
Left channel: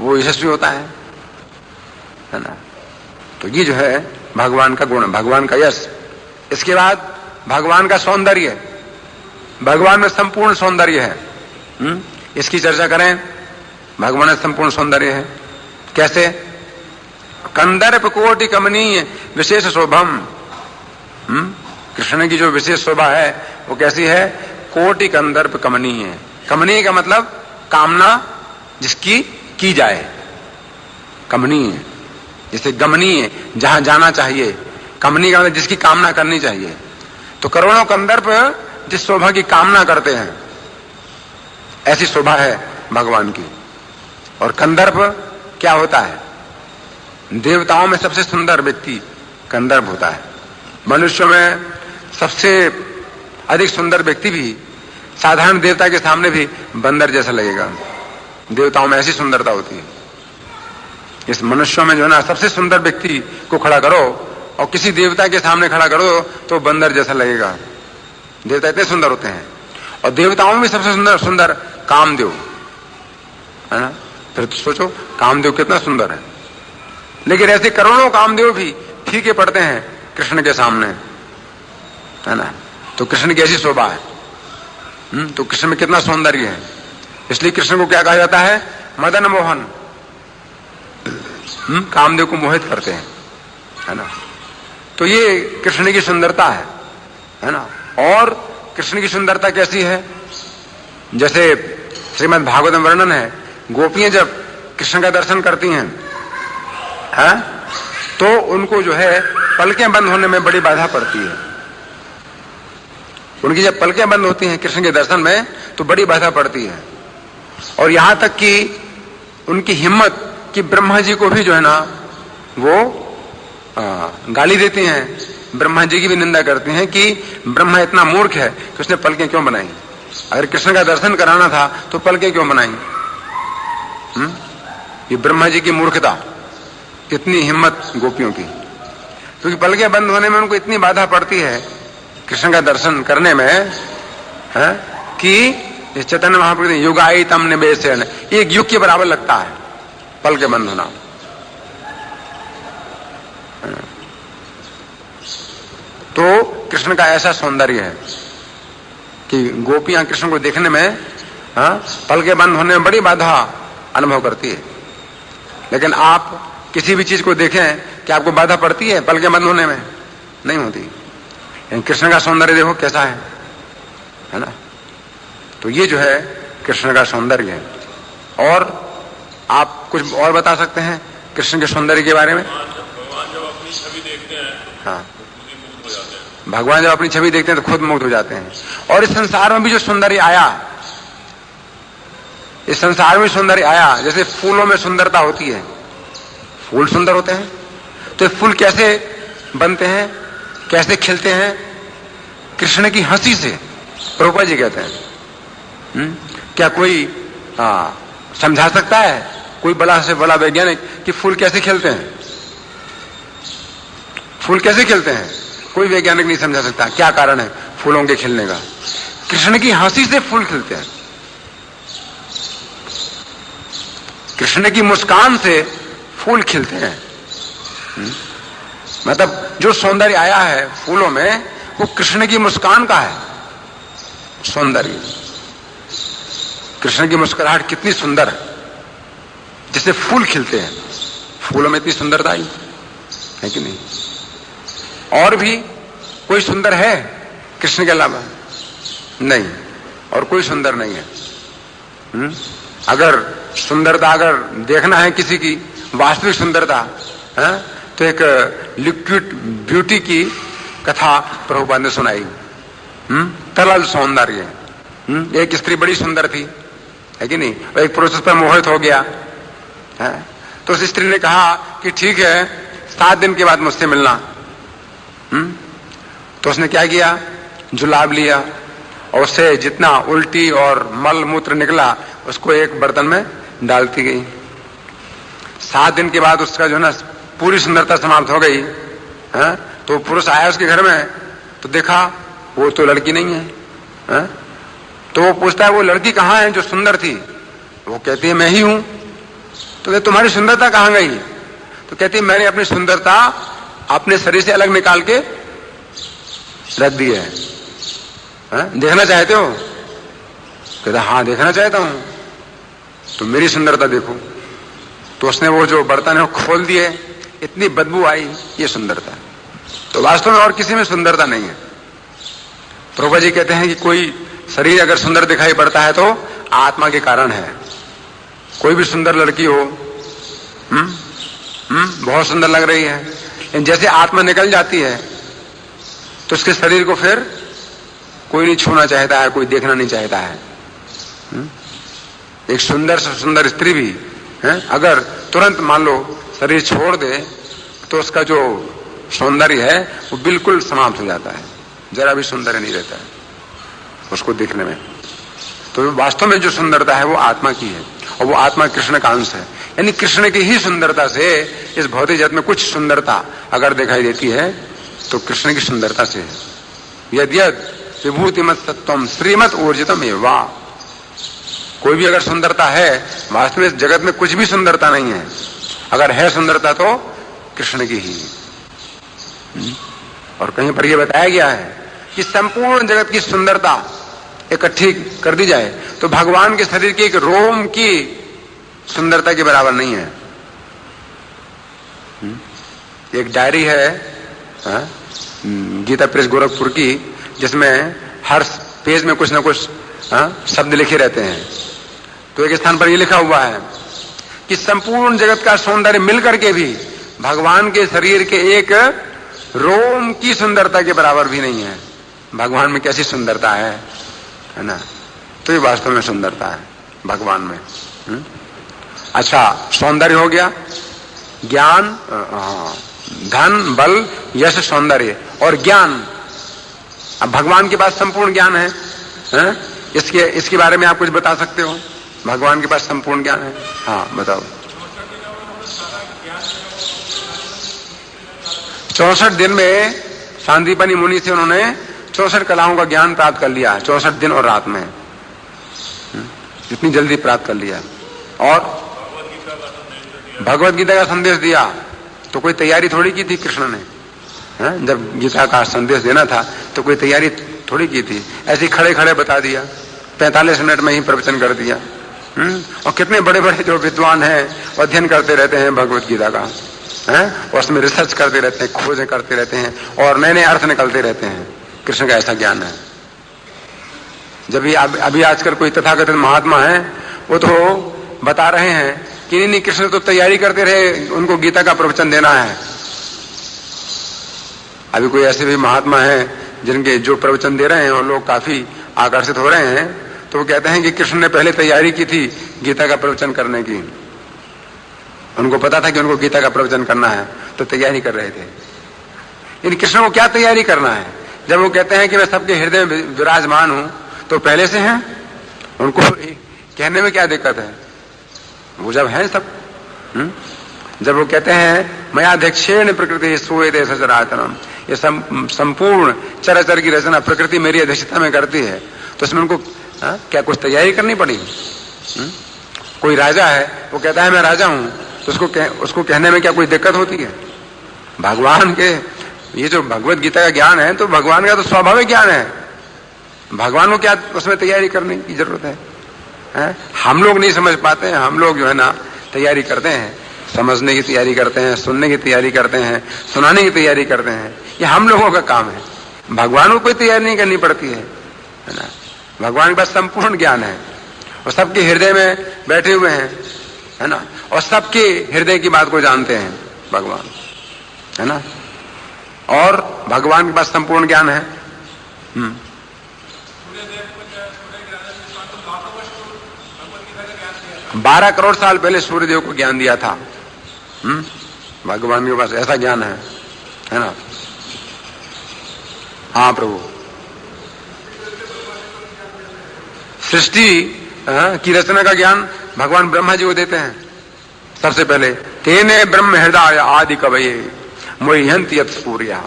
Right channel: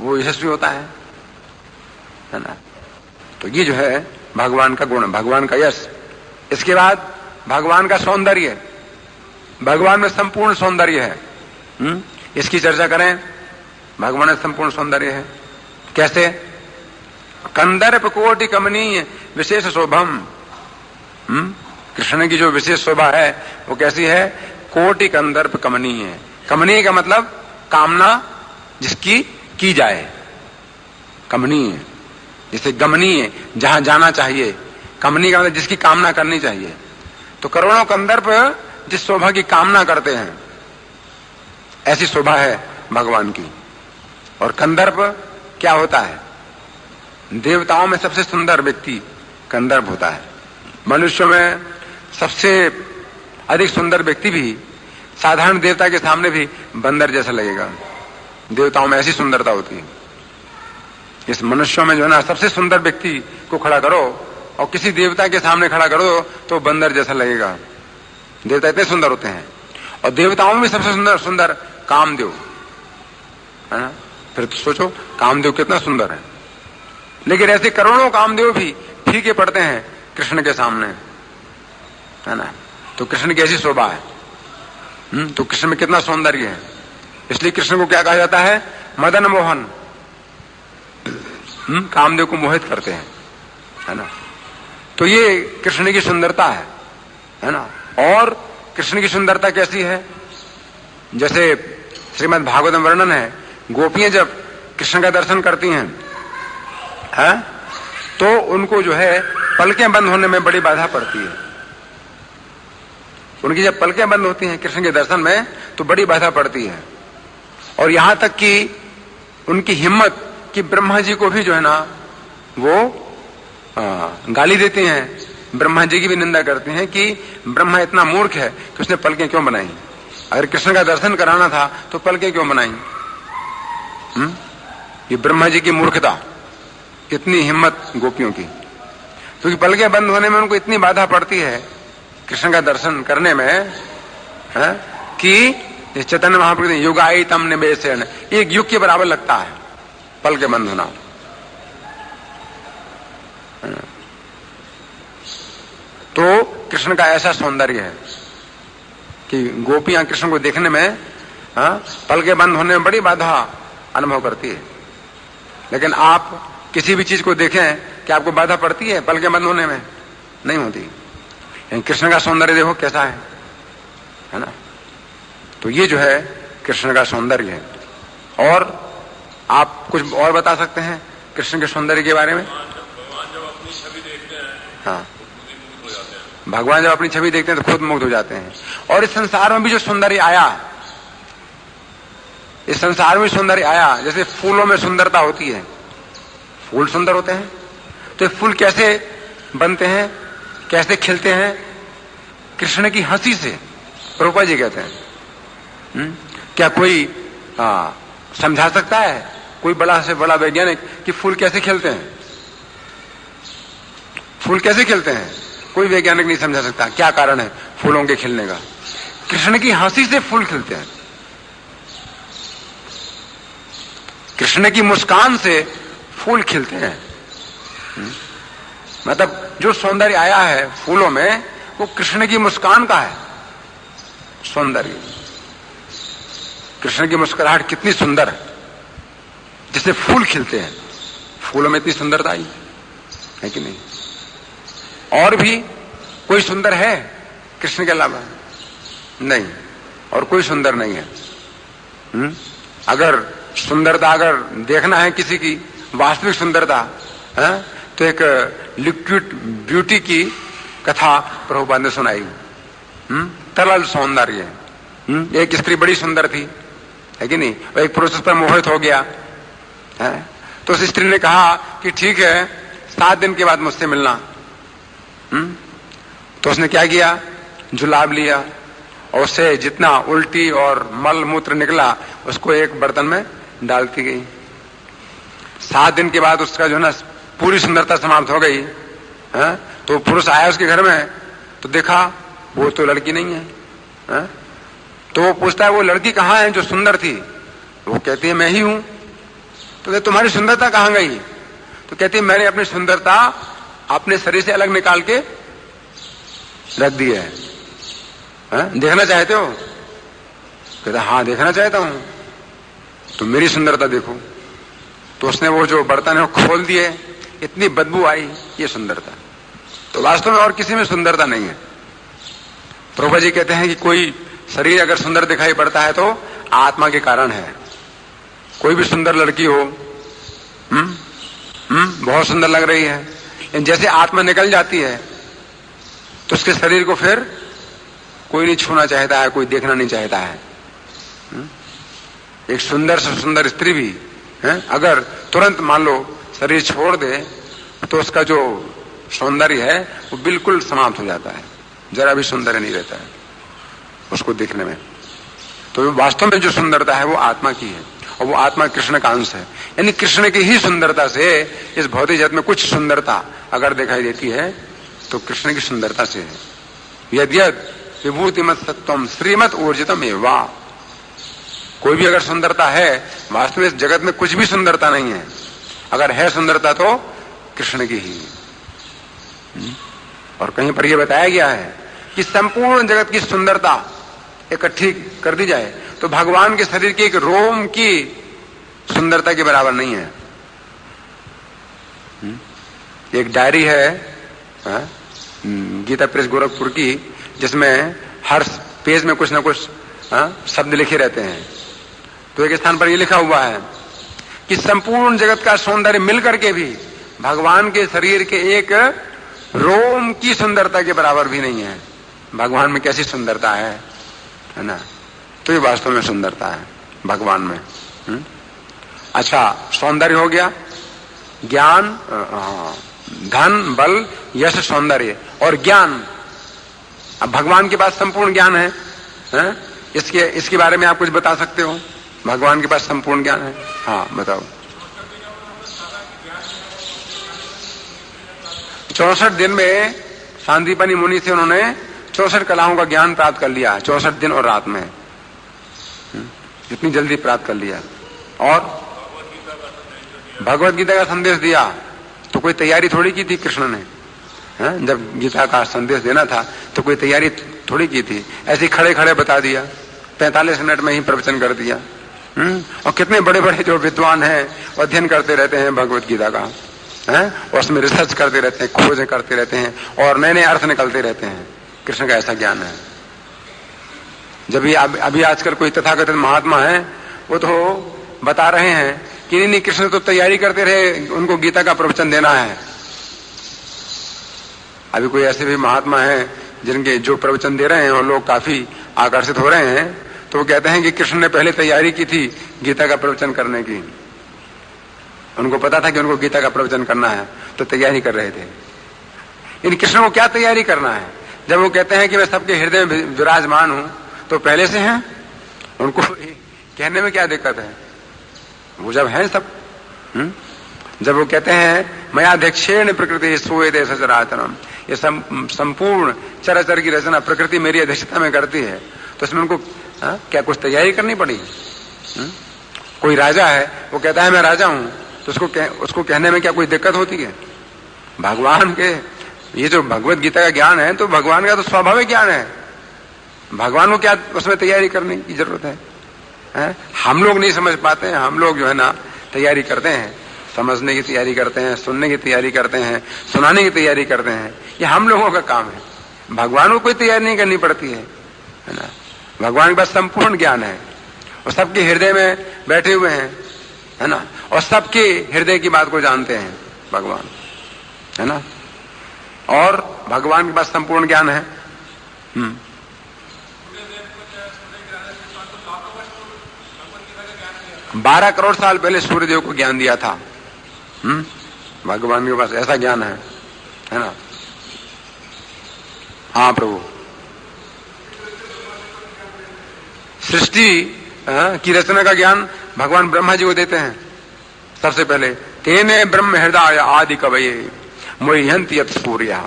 वो यशस्वी होता है ना। तो ये जो है भगवान का गुण, भगवान का यश। इसके बाद भगवान का सौंदर्य, भगवान में संपूर्ण सौंदर्य है। इसकी चर्चा करें, भगवान में संपूर्ण सौंदर्य है। कैसे, कंदर्प कोटि कमनीय विशेष शोभम। कृष्ण की जो विशेष शोभा है वो कैसी है, कोटि कंदर्प कमनीय। कमनीय का मतलब कामना जिसकी की जाए, कमनीय जैसे गमनीय जहां जाना चाहिए, कमनीय का मतलब जिसकी कामना करनी चाहिए। तो करोड़ों कंदर्प जिस शोभा की कामना करते हैं ऐसी शोभा है भगवान की। और कंदर्प क्या होता है, देवताओं में सबसे सुंदर व्यक्ति कंदर्प होता है। मनुष्यों में सबसे अधिक सुंदर व्यक्ति भी साधारण देवता के सामने भी बंदर जैसा लगेगा। देवताओं में ऐसी सुंदरता होती है। इस मनुष्यों में जो है ना, सबसे सुंदर व्यक्ति को खड़ा करो और किसी देवता के सामने खड़ा करो तो बंदर जैसा लगेगा। देवता इतने सुंदर होते हैं। और देवताओं में सबसे सुंदर कामदेव है ना। फिर सोचो कामदेव कितना सुंदर है। लेकिन ऐसे करोड़ों कामदेव भी फीके पड़ते हैं कृष्ण के सामने, है ना। तो कृष्ण की ऐसी शोभा है। तो कृष्ण में कितना सौंदर्य है। इसलिए कृष्ण को क्या कहा जाता है, मदन मोहन। कामदेव को मोहित करते हैं, है ना। तो ये कृष्ण की सुंदरता है ना। और कृष्ण की सुंदरता कैसी है, जैसे श्रीमद् भागवत में वर्णन है, गोपियां जब कृष्ण का दर्शन करती हैं, तो उनको जो है पलकें बंद होने में बड़ी बाधा पड़ती है। उनकी जब पलकें बंद होती हैं कृष्ण के दर्शन में तो बड़ी बाधा पड़ती है। और यहां तक कि उनकी हिम्मत कि ब्रह्मा जी को भी जो है ना वो गाली देते हैं, ब्रह्मा जी की भी निंदा करते हैं कि ब्रह्मा इतना मूर्ख है कि उसने पलकें क्यों बनाई। अगर कृष्ण का दर्शन कराना था तो पलकें क्यों बनाई। ये ब्रह्मा जी की मूर्खता, कितनी हिम्मत गोपियों की, क्योंकि पलकें बंद होने में उनको इतनी बाधा पड़ती है कृष्ण का दर्शन करने में कि चैतन्य महाप्रभु युगाई तम निवेशन, एक युग के बराबर लगता है पलकें बंद होना। तो कृष्ण का ऐसा सौंदर्य है कि गोपियां कृष्ण को देखने में पलकें बंद होने में बड़ी बाधा अनुभव करती है। लेकिन आप किसी भी चीज को देखें कि आपको बाधा पड़ती है पलकें बंद होने में? नहीं होती। लेकिन कृष्ण का सौंदर्य देखो कैसा है ना। तो ये जो है कृष्ण का सौंदर्य है। और आप कुछ और बता सकते हैं कृष्ण के सौंदर्य के बारे में? भगवान जब अपनी छवि देखते हैं, हाँ, भगवान जब अपनी छवि देखते हैं तो खुद मुग्ध हो जाते हैं। और इस संसार में भी जो सौंदर्य आया, इस संसार में सौंदर्य आया, जैसे फूलों में सुंदरता होती है, फूल सुंदर होते हैं, तो फूल कैसे बनते हैं, कैसे खिलते हैं? कृष्ण की हंसी से। प्रभुपाद जी कहते हैं क्या कोई समझा सकता है, कोई बड़ा से बड़ा वैज्ञानिक, कि फूल कैसे खिलते हैं? फूल कैसे खिलते हैं कोई वैज्ञानिक नहीं समझा सकता। क्या कारण है फूलों के खिलने का? कृष्ण की हंसी से फूल खिलते हैं, कृष्ण की मुस्कान से फूल खिलते हैं। मतलब जो सौंदर्य आया है फूलों में वो कृष्ण की मुस्कान का है सौंदर्य। कृष्ण की मुस्कुराहट कितनी सुंदर है, जिससे फूल खिलते हैं। फूलों में इतनी सुंदरता आई है कि नहीं? और भी कोई सुंदर है कृष्ण के अलावा? नहीं, और कोई सुंदर नहीं है। अगर सुंदरता अगर देखना है किसी की वास्तविक सुंदरता, तो एक लिक्विड ब्यूटी की कथा प्रभुपाद ने सुनाई। तरल सौंदर्य। एक स्त्री बड़ी सुंदर थी, है कि नहीं? और एक पुरुष पर मोहित हो गया है? तो उस स्त्री ने कहा कि ठीक है 7 दिन के बाद मुझसे मिलना। तो उसने क्या किया, जुलाब लिया और उससे जितना उल्टी और मल मूत्र निकला उसको एक बर्तन में डालती गई। 7 दिन के बाद उसका जो है ना पूरी सुंदरता समाप्त हो गई है? तो पुरुष आया उसके घर में तो देखा वो तो लड़की नहीं है। तो वो पूछता है वो लड़की कहाँ है जो सुंदर थी? वो कहती है मैं ही हूं। तो तुम्हारी सुंदरता कहाँ गई? तो कहती है मैंने अपनी सुंदरता अपने शरीर से अलग निकाल के रख दी है। देखना चाहते हो? कहता हाँ देखना चाहता हूं। तो मेरी सुंदरता देखो। तो उसने वो जो बर्तन है वो खोल दिए, इतनी बदबू आई, ये सुंदरता है। तो वास्तव में और किसी में सुंदरता नहीं है। प्रभुपाद जी कहते हैं कि कोई शरीर अगर सुंदर दिखाई पड़ता है तो आत्मा के कारण है। कोई भी सुंदर लड़की हो, बहुत सुंदर लग रही है, जैसे आत्मा निकल जाती है तो उसके शरीर को फिर कोई नहीं छूना चाहता है, कोई देखना नहीं चाहता है। एक सुंदर से सुंदर स्त्री भी अगर तुरंत मान लो शरीर छोड़ दे तो उसका जो सौंदर्य है वो बिल्कुल समाप्त हो जाता है, जरा भी सौंदर्य नहीं रहता है उसको देखने में। तो वास्तव में जो सुंदरता है वो आत्मा की है और वो आत्मा कृष्ण का अंश है। यानी कृष्ण की ही सुंदरता से इस भौतिक जगत में कुछ सुंदरता अगर दिखाई देती है तो कृष्ण की सुंदरता से है। यद्यद विभूतिमत सत्वम श्रीमत ऊर्जितम एवा। कोई भी अगर सुंदरता है, वास्तव में इस जगत में कुछ भी सुंदरता नहीं है। अगर है सुंदरता तो कृष्ण की ही। और कहीं पर यह बताया गया है कि संपूर्ण जगत की सुंदरता इकट्ठी कर दी जाए तो भगवान के शरीर के एक रोम की सुंदरता के बराबर नहीं है। एक डायरी है गीता प्रेस गोरखपुर की, जिसमें हर पेज में कुछ ना कुछ शब्द लिखे रहते हैं। तो एक स्थान पर ये लिखा हुआ है कि संपूर्ण जगत का सौंदर्य मिलकर के भी भगवान के शरीर के एक रोम की सुंदरता के बराबर भी नहीं है। भगवान में कैसी सुंदरता है ना? तो ये वास्तव में सुंदरता है भगवान में। अच्छा, सौंदर्य हो गया, ज्ञान, धन, बल, यश, सौंदर्य और ज्ञान। अब भगवान के पास संपूर्ण ज्ञान है, इसके बारे में आप कुछ बता सकते हो? भगवान के पास संपूर्ण ज्ञान है। हाँ बताओ। 64 दिन में सांदीपनी मुनि से उन्होंने 64 कलाओं का ज्ञान प्राप्त कर लिया, 64 दिन और रात में। इतनी जल्दी प्राप्त कर लिया। और भगवत गीता का संदेश दिया तो कोई तैयारी थोड़ी की थी कृष्ण ने। जब गीता का संदेश देना था तो कोई तैयारी थोड़ी की थी, ऐसे खड़े खड़े बता दिया, 45 मिनट में ही प्रवचन कर दिया। और कितने बड़े बड़े जो विद्वान हैं अध्ययन करते रहते हैं भगवत गीता का, उसमें रिसर्च करते रहते हैं, खोजें करते रहते हैं और नए नए अर्थ निकलते रहते हैं। कृष्ण का ऐसा ज्ञान है। जब ये अभी आजकल कोई तथाकथित महात्मा है वो तो बता रहे हैं कि नहीं, कृष्ण तो तैयारी करते रहे, उनको गीता का प्रवचन देना है। अभी कोई ऐसे भी महात्मा है जिनके जो प्रवचन दे रहे हैं और लोग काफी आकर्षित हो रहे हैं, तो वो कहते हैं कि कृष्ण ने पहले तैयारी की थी गीता का प्रवचन करने की। उनको पता था कि उनको गीता का प्रवचन करना है तो तैयारी कर रहे थे। इन कृष्ण को क्या तैयारी करना है? जब वो कहते हैं कि मैं सबके हृदय में विराजमान हूं तो पहले से हैं, उनको कहने में क्या दिक्कत है? वो जब है सब। जब वो कहते हैं मयाध्यक्षेण प्रकृति सोए सचराचरम, ये संपूर्ण चराचर की रचना प्रकृति मेरी अध्यक्षता में करती है, तो इसमें उनको क्या कुछ तैयारी करनी पड़ी? कोई राजा है वो कहता है मैं राजा हूं, तो उसको कहने में क्या कोई दिक्कत होती है? भगवान के ये जो भगवत गीता का ज्ञान है तो भगवान का तो स्वाभाविक ज्ञान है, भगवान को क्या उसमें तैयारी करने की जरूरत है? हम लोग नहीं समझ पाते हैं। हम लोग जो है ना तैयारी करते हैं, समझने की तैयारी करते हैं, सुनने की तैयारी करते हैं, सुनाने की तैयारी करते हैं। ये हम लोगों का काम है। भगवान को कोई तैयारी नहीं करनी पड़ती है ना? भगवान के पास संपूर्ण ज्ञान है और सबके हृदय में बैठे हुए हैं, है ना? और सबके हृदय की बात को जानते हैं भगवान, है ना? और भगवान के पास संपूर्ण ज्ञान है। 12 करोड़ साल पहले सूर्यदेव को ज्ञान दिया था। भगवान के पास ऐसा ज्ञान है ना? हाँ प्रभु। सृष्टि की रचना का ज्ञान भगवान ब्रह्मा जी को देते हैं सबसे पहले। तेने ब्रह्म हृदय आदि कवये मोह्यन्ति यत् सूर्यः।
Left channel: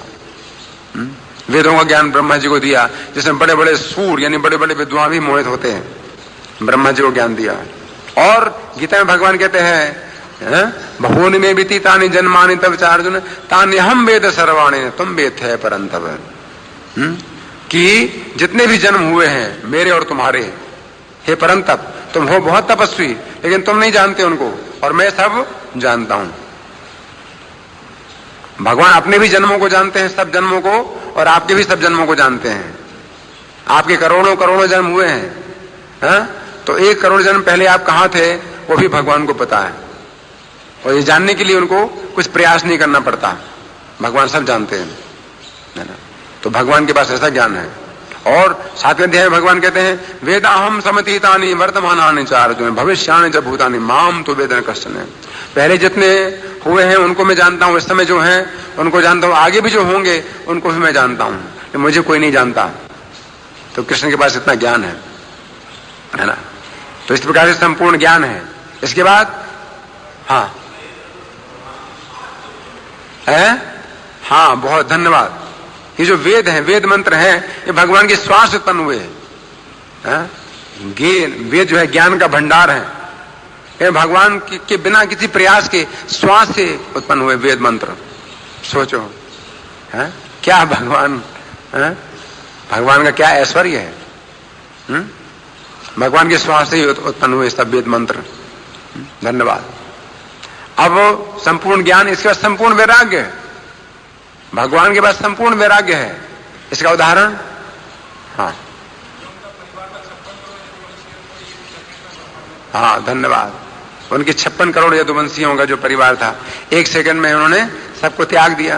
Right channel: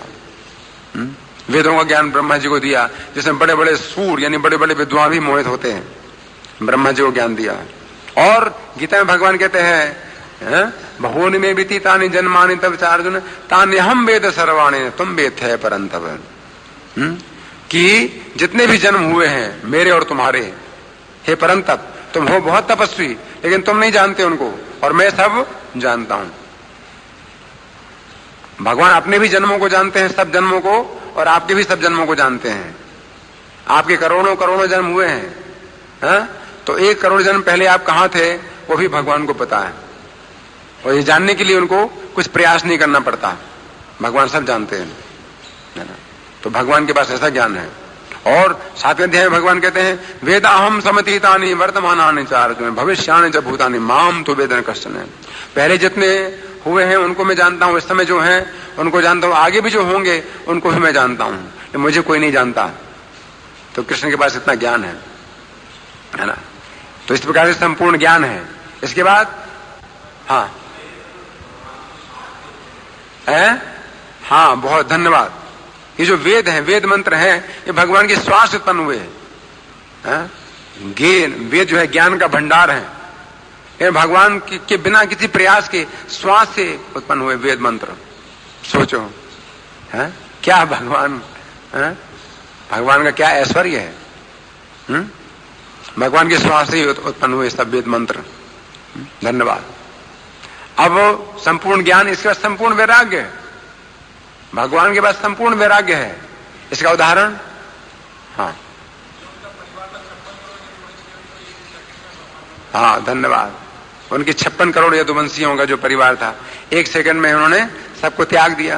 वेदों का ज्ञान ब्रह्मा जी को दिया, जिसमें बड़े बड़े सूर्य यानी बड़े बड़े विद्वान भी मोहित होते हैं। ब्रह्मा जी को ज्ञान दिया। और गीता में भगवान कहते हैं बहूनि में बीती तानि जन्मानि तव च अर्जुन तानि हम वेद सर्वाणि तुम वेद है परंतप। कि जितने भी जन्म हुए हैं मेरे और तुम्हारे, हे परंतप, तुम हो बहुत तपस्वी लेकिन तुम नहीं जानते उनको और मैं सब जानता हूं। भगवान अपने भी जन्मों को जानते हैं, सब जन्मों को, और आपके भी सब जन्मों को जानते हैं। आपके करोड़ों करोड़ों जन्म हुए हैं, तो 1 करोड़ जन्म पहले आप कहां थे वो भी भगवान को पता है। और ये जानने के लिए उनको कुछ प्रयास नहीं करना पड़ता, भगवान सब जानते हैं, है ना? तो भगवान के पास ऐसा ज्ञान है। और 7वें अध्याय में भगवान कहते हैं वेदाहम समतीतानि वर्तमानानि च अर्जुन भविष्यानि च भूतानि माम तो वेद न कश्चन। पहले जितने हुए हैं उनको मैं जानता हूं, इस समय जो हैं उनको जानता हूं, आगे भी जो होंगे उनको भी मैं जानता हूं, मुझे कोई नहीं जानता। तो कृष्ण के पास इतना ज्ञान है ना? तो इस प्रकार से संपूर्ण ज्ञान है। इसके बाद हाँ बहुत धन्यवाद। ये जो वेद है, वेद मंत्र है, ये भगवान के श्वास से उत्पन्न हुए हैं। वेद जो है ज्ञान का भंडार है। ये भगवान के बिना किसी प्रयास के श्वास से उत्पन्न हुए वेद मंत्र। सोचो क्या भगवान भगवान का क्या ऐश्वर्य है। भगवान के श्वास से उत्पन्न हुए सब वेद मंत्र। धन्यवाद। अब संपूर्ण ज्ञान, इसके बाद संपूर्ण वैराग्य है। भगवान के पास संपूर्ण वैराग्य है। इसका उदाहरण हाँ धन्यवाद। उनके 56 करोड़ यदुवंशियों का जो परिवार था, 1 सेकंड में उन्होंने सबको त्याग दिया,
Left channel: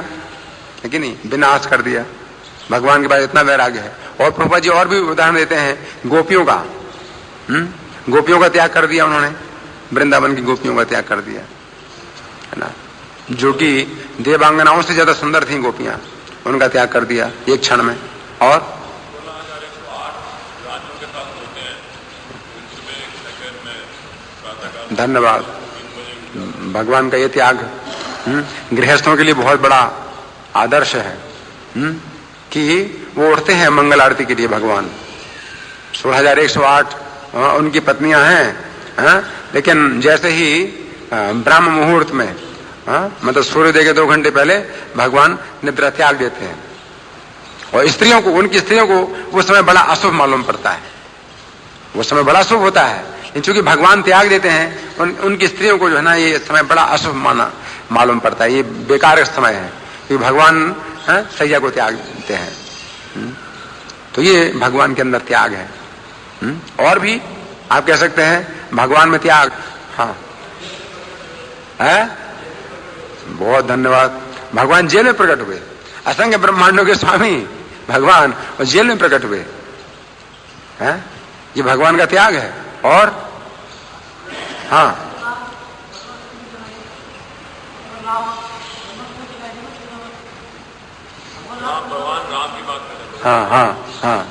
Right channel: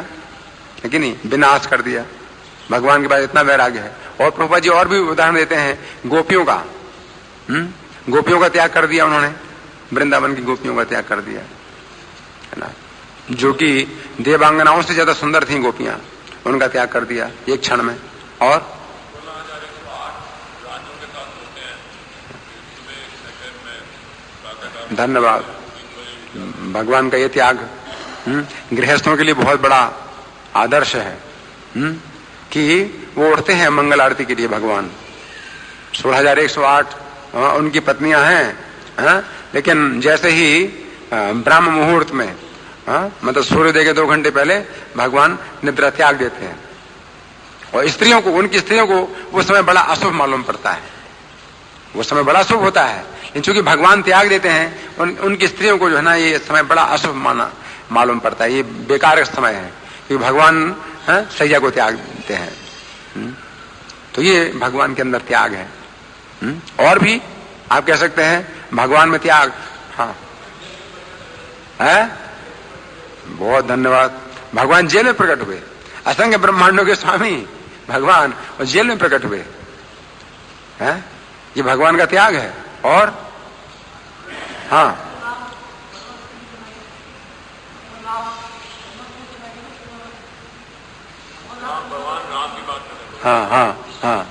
है कि नहीं, विनाश कर दिया। भगवान के पास इतना वैराग्य है। और प्रभुपाद जी और भी उदाहरण देते हैं गोपियों का। गोपियों का त्याग कर दिया उन्होंने, वृंदावन की गोपियों का त्याग कर दिया, है ना, जो कि देवांगनाओं से ज्यादा सुंदर थी गोपियां, उनका त्याग कर दिया एक क्षण में। और धन्यवाद, भगवान का ये त्याग गृहस्थों के लिए बहुत बड़ा आदर्श है कि वो उठते हैं मंगल आरती के लिए। भगवान 16,108 उनकी पत्नियां हैं, लेकिन जैसे ही ब्रह्म मुहूर्त में, मतलब सूर्योदय के 2 घंटे पहले भगवान निद्रा त्याग देते हैं। और स्त्रियों को, उनकी स्त्रियों को वो समय बड़ा अशुभ मालूम पड़ता है, वो समय बड़ा शुभ होता है, क्योंकि भगवान त्याग देते हैं, उनकी स्त्रियों को जो है ना ये समय बड़ा अशुभ मालूम पड़ता है, ये बेकार समय है, क्योंकि भगवान सैया को त्याग देते हैं। तो ये भगवान के अंदर त्याग है। और भी आप कह सकते हैं भगवान में त्याग। हाँ है, बहुत धन्यवाद। भगवान जेल में प्रकट हुए, असंख्य ब्रह्मांडों के स्वामी भगवान और जेल में प्रकट हुए, है, ये भगवान का त्याग है। और हाँ, हाँ हाँ हाँ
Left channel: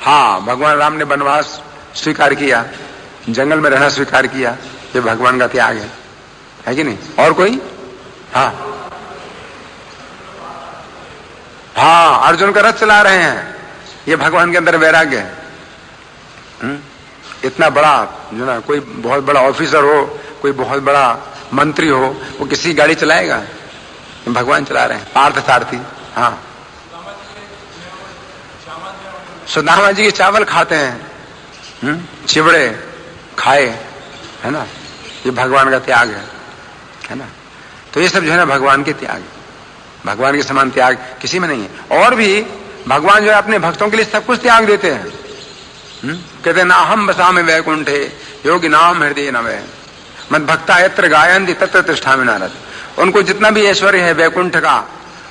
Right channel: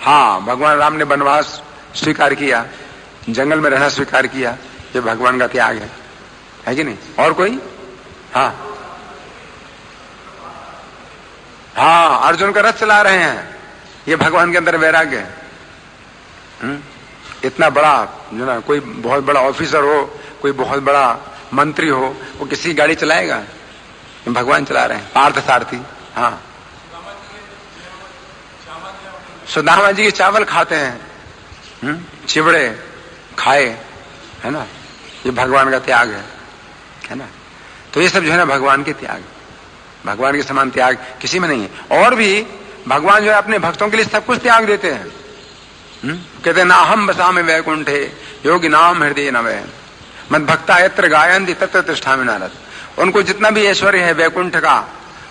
हाँ, भगवान राम ने वनवास स्वीकार किया, जंगल में रहना स्वीकार किया, ये भगवान का त्याग है कि नहीं। और कोई? हाँ हाँ, अर्जुन का रथ चला रहे हैं, ये भगवान के अंदर वैराग्य है। इतना बड़ा जो ना, कोई बहुत बड़ा ऑफिसर हो, कोई बहुत बड़ा मंत्री हो, वो किसी गाड़ी चलाएगा? भगवान चला रहे हैं, पार्थ सारथी। हाँ, सुदामा जी के चावल खाते हैं, चिवड़े खाए, है ना, ये भगवान का त्याग है ना। तो ये सब जो है ना भगवान के त्याग, भगवान के समान त्याग किसी में नहीं है। और भी भगवान जो है अपने भक्तों के लिए सब कुछ त्याग देते हैं। कहते हैं ना, हम बसामि वैकुंठे योगी नाम हृदय नवै मद भक्ता यत्र गायन्ति तत्र तिष्ठामि नारद। उनको जितना भी ऐश्वर्य है वैकुंठ का,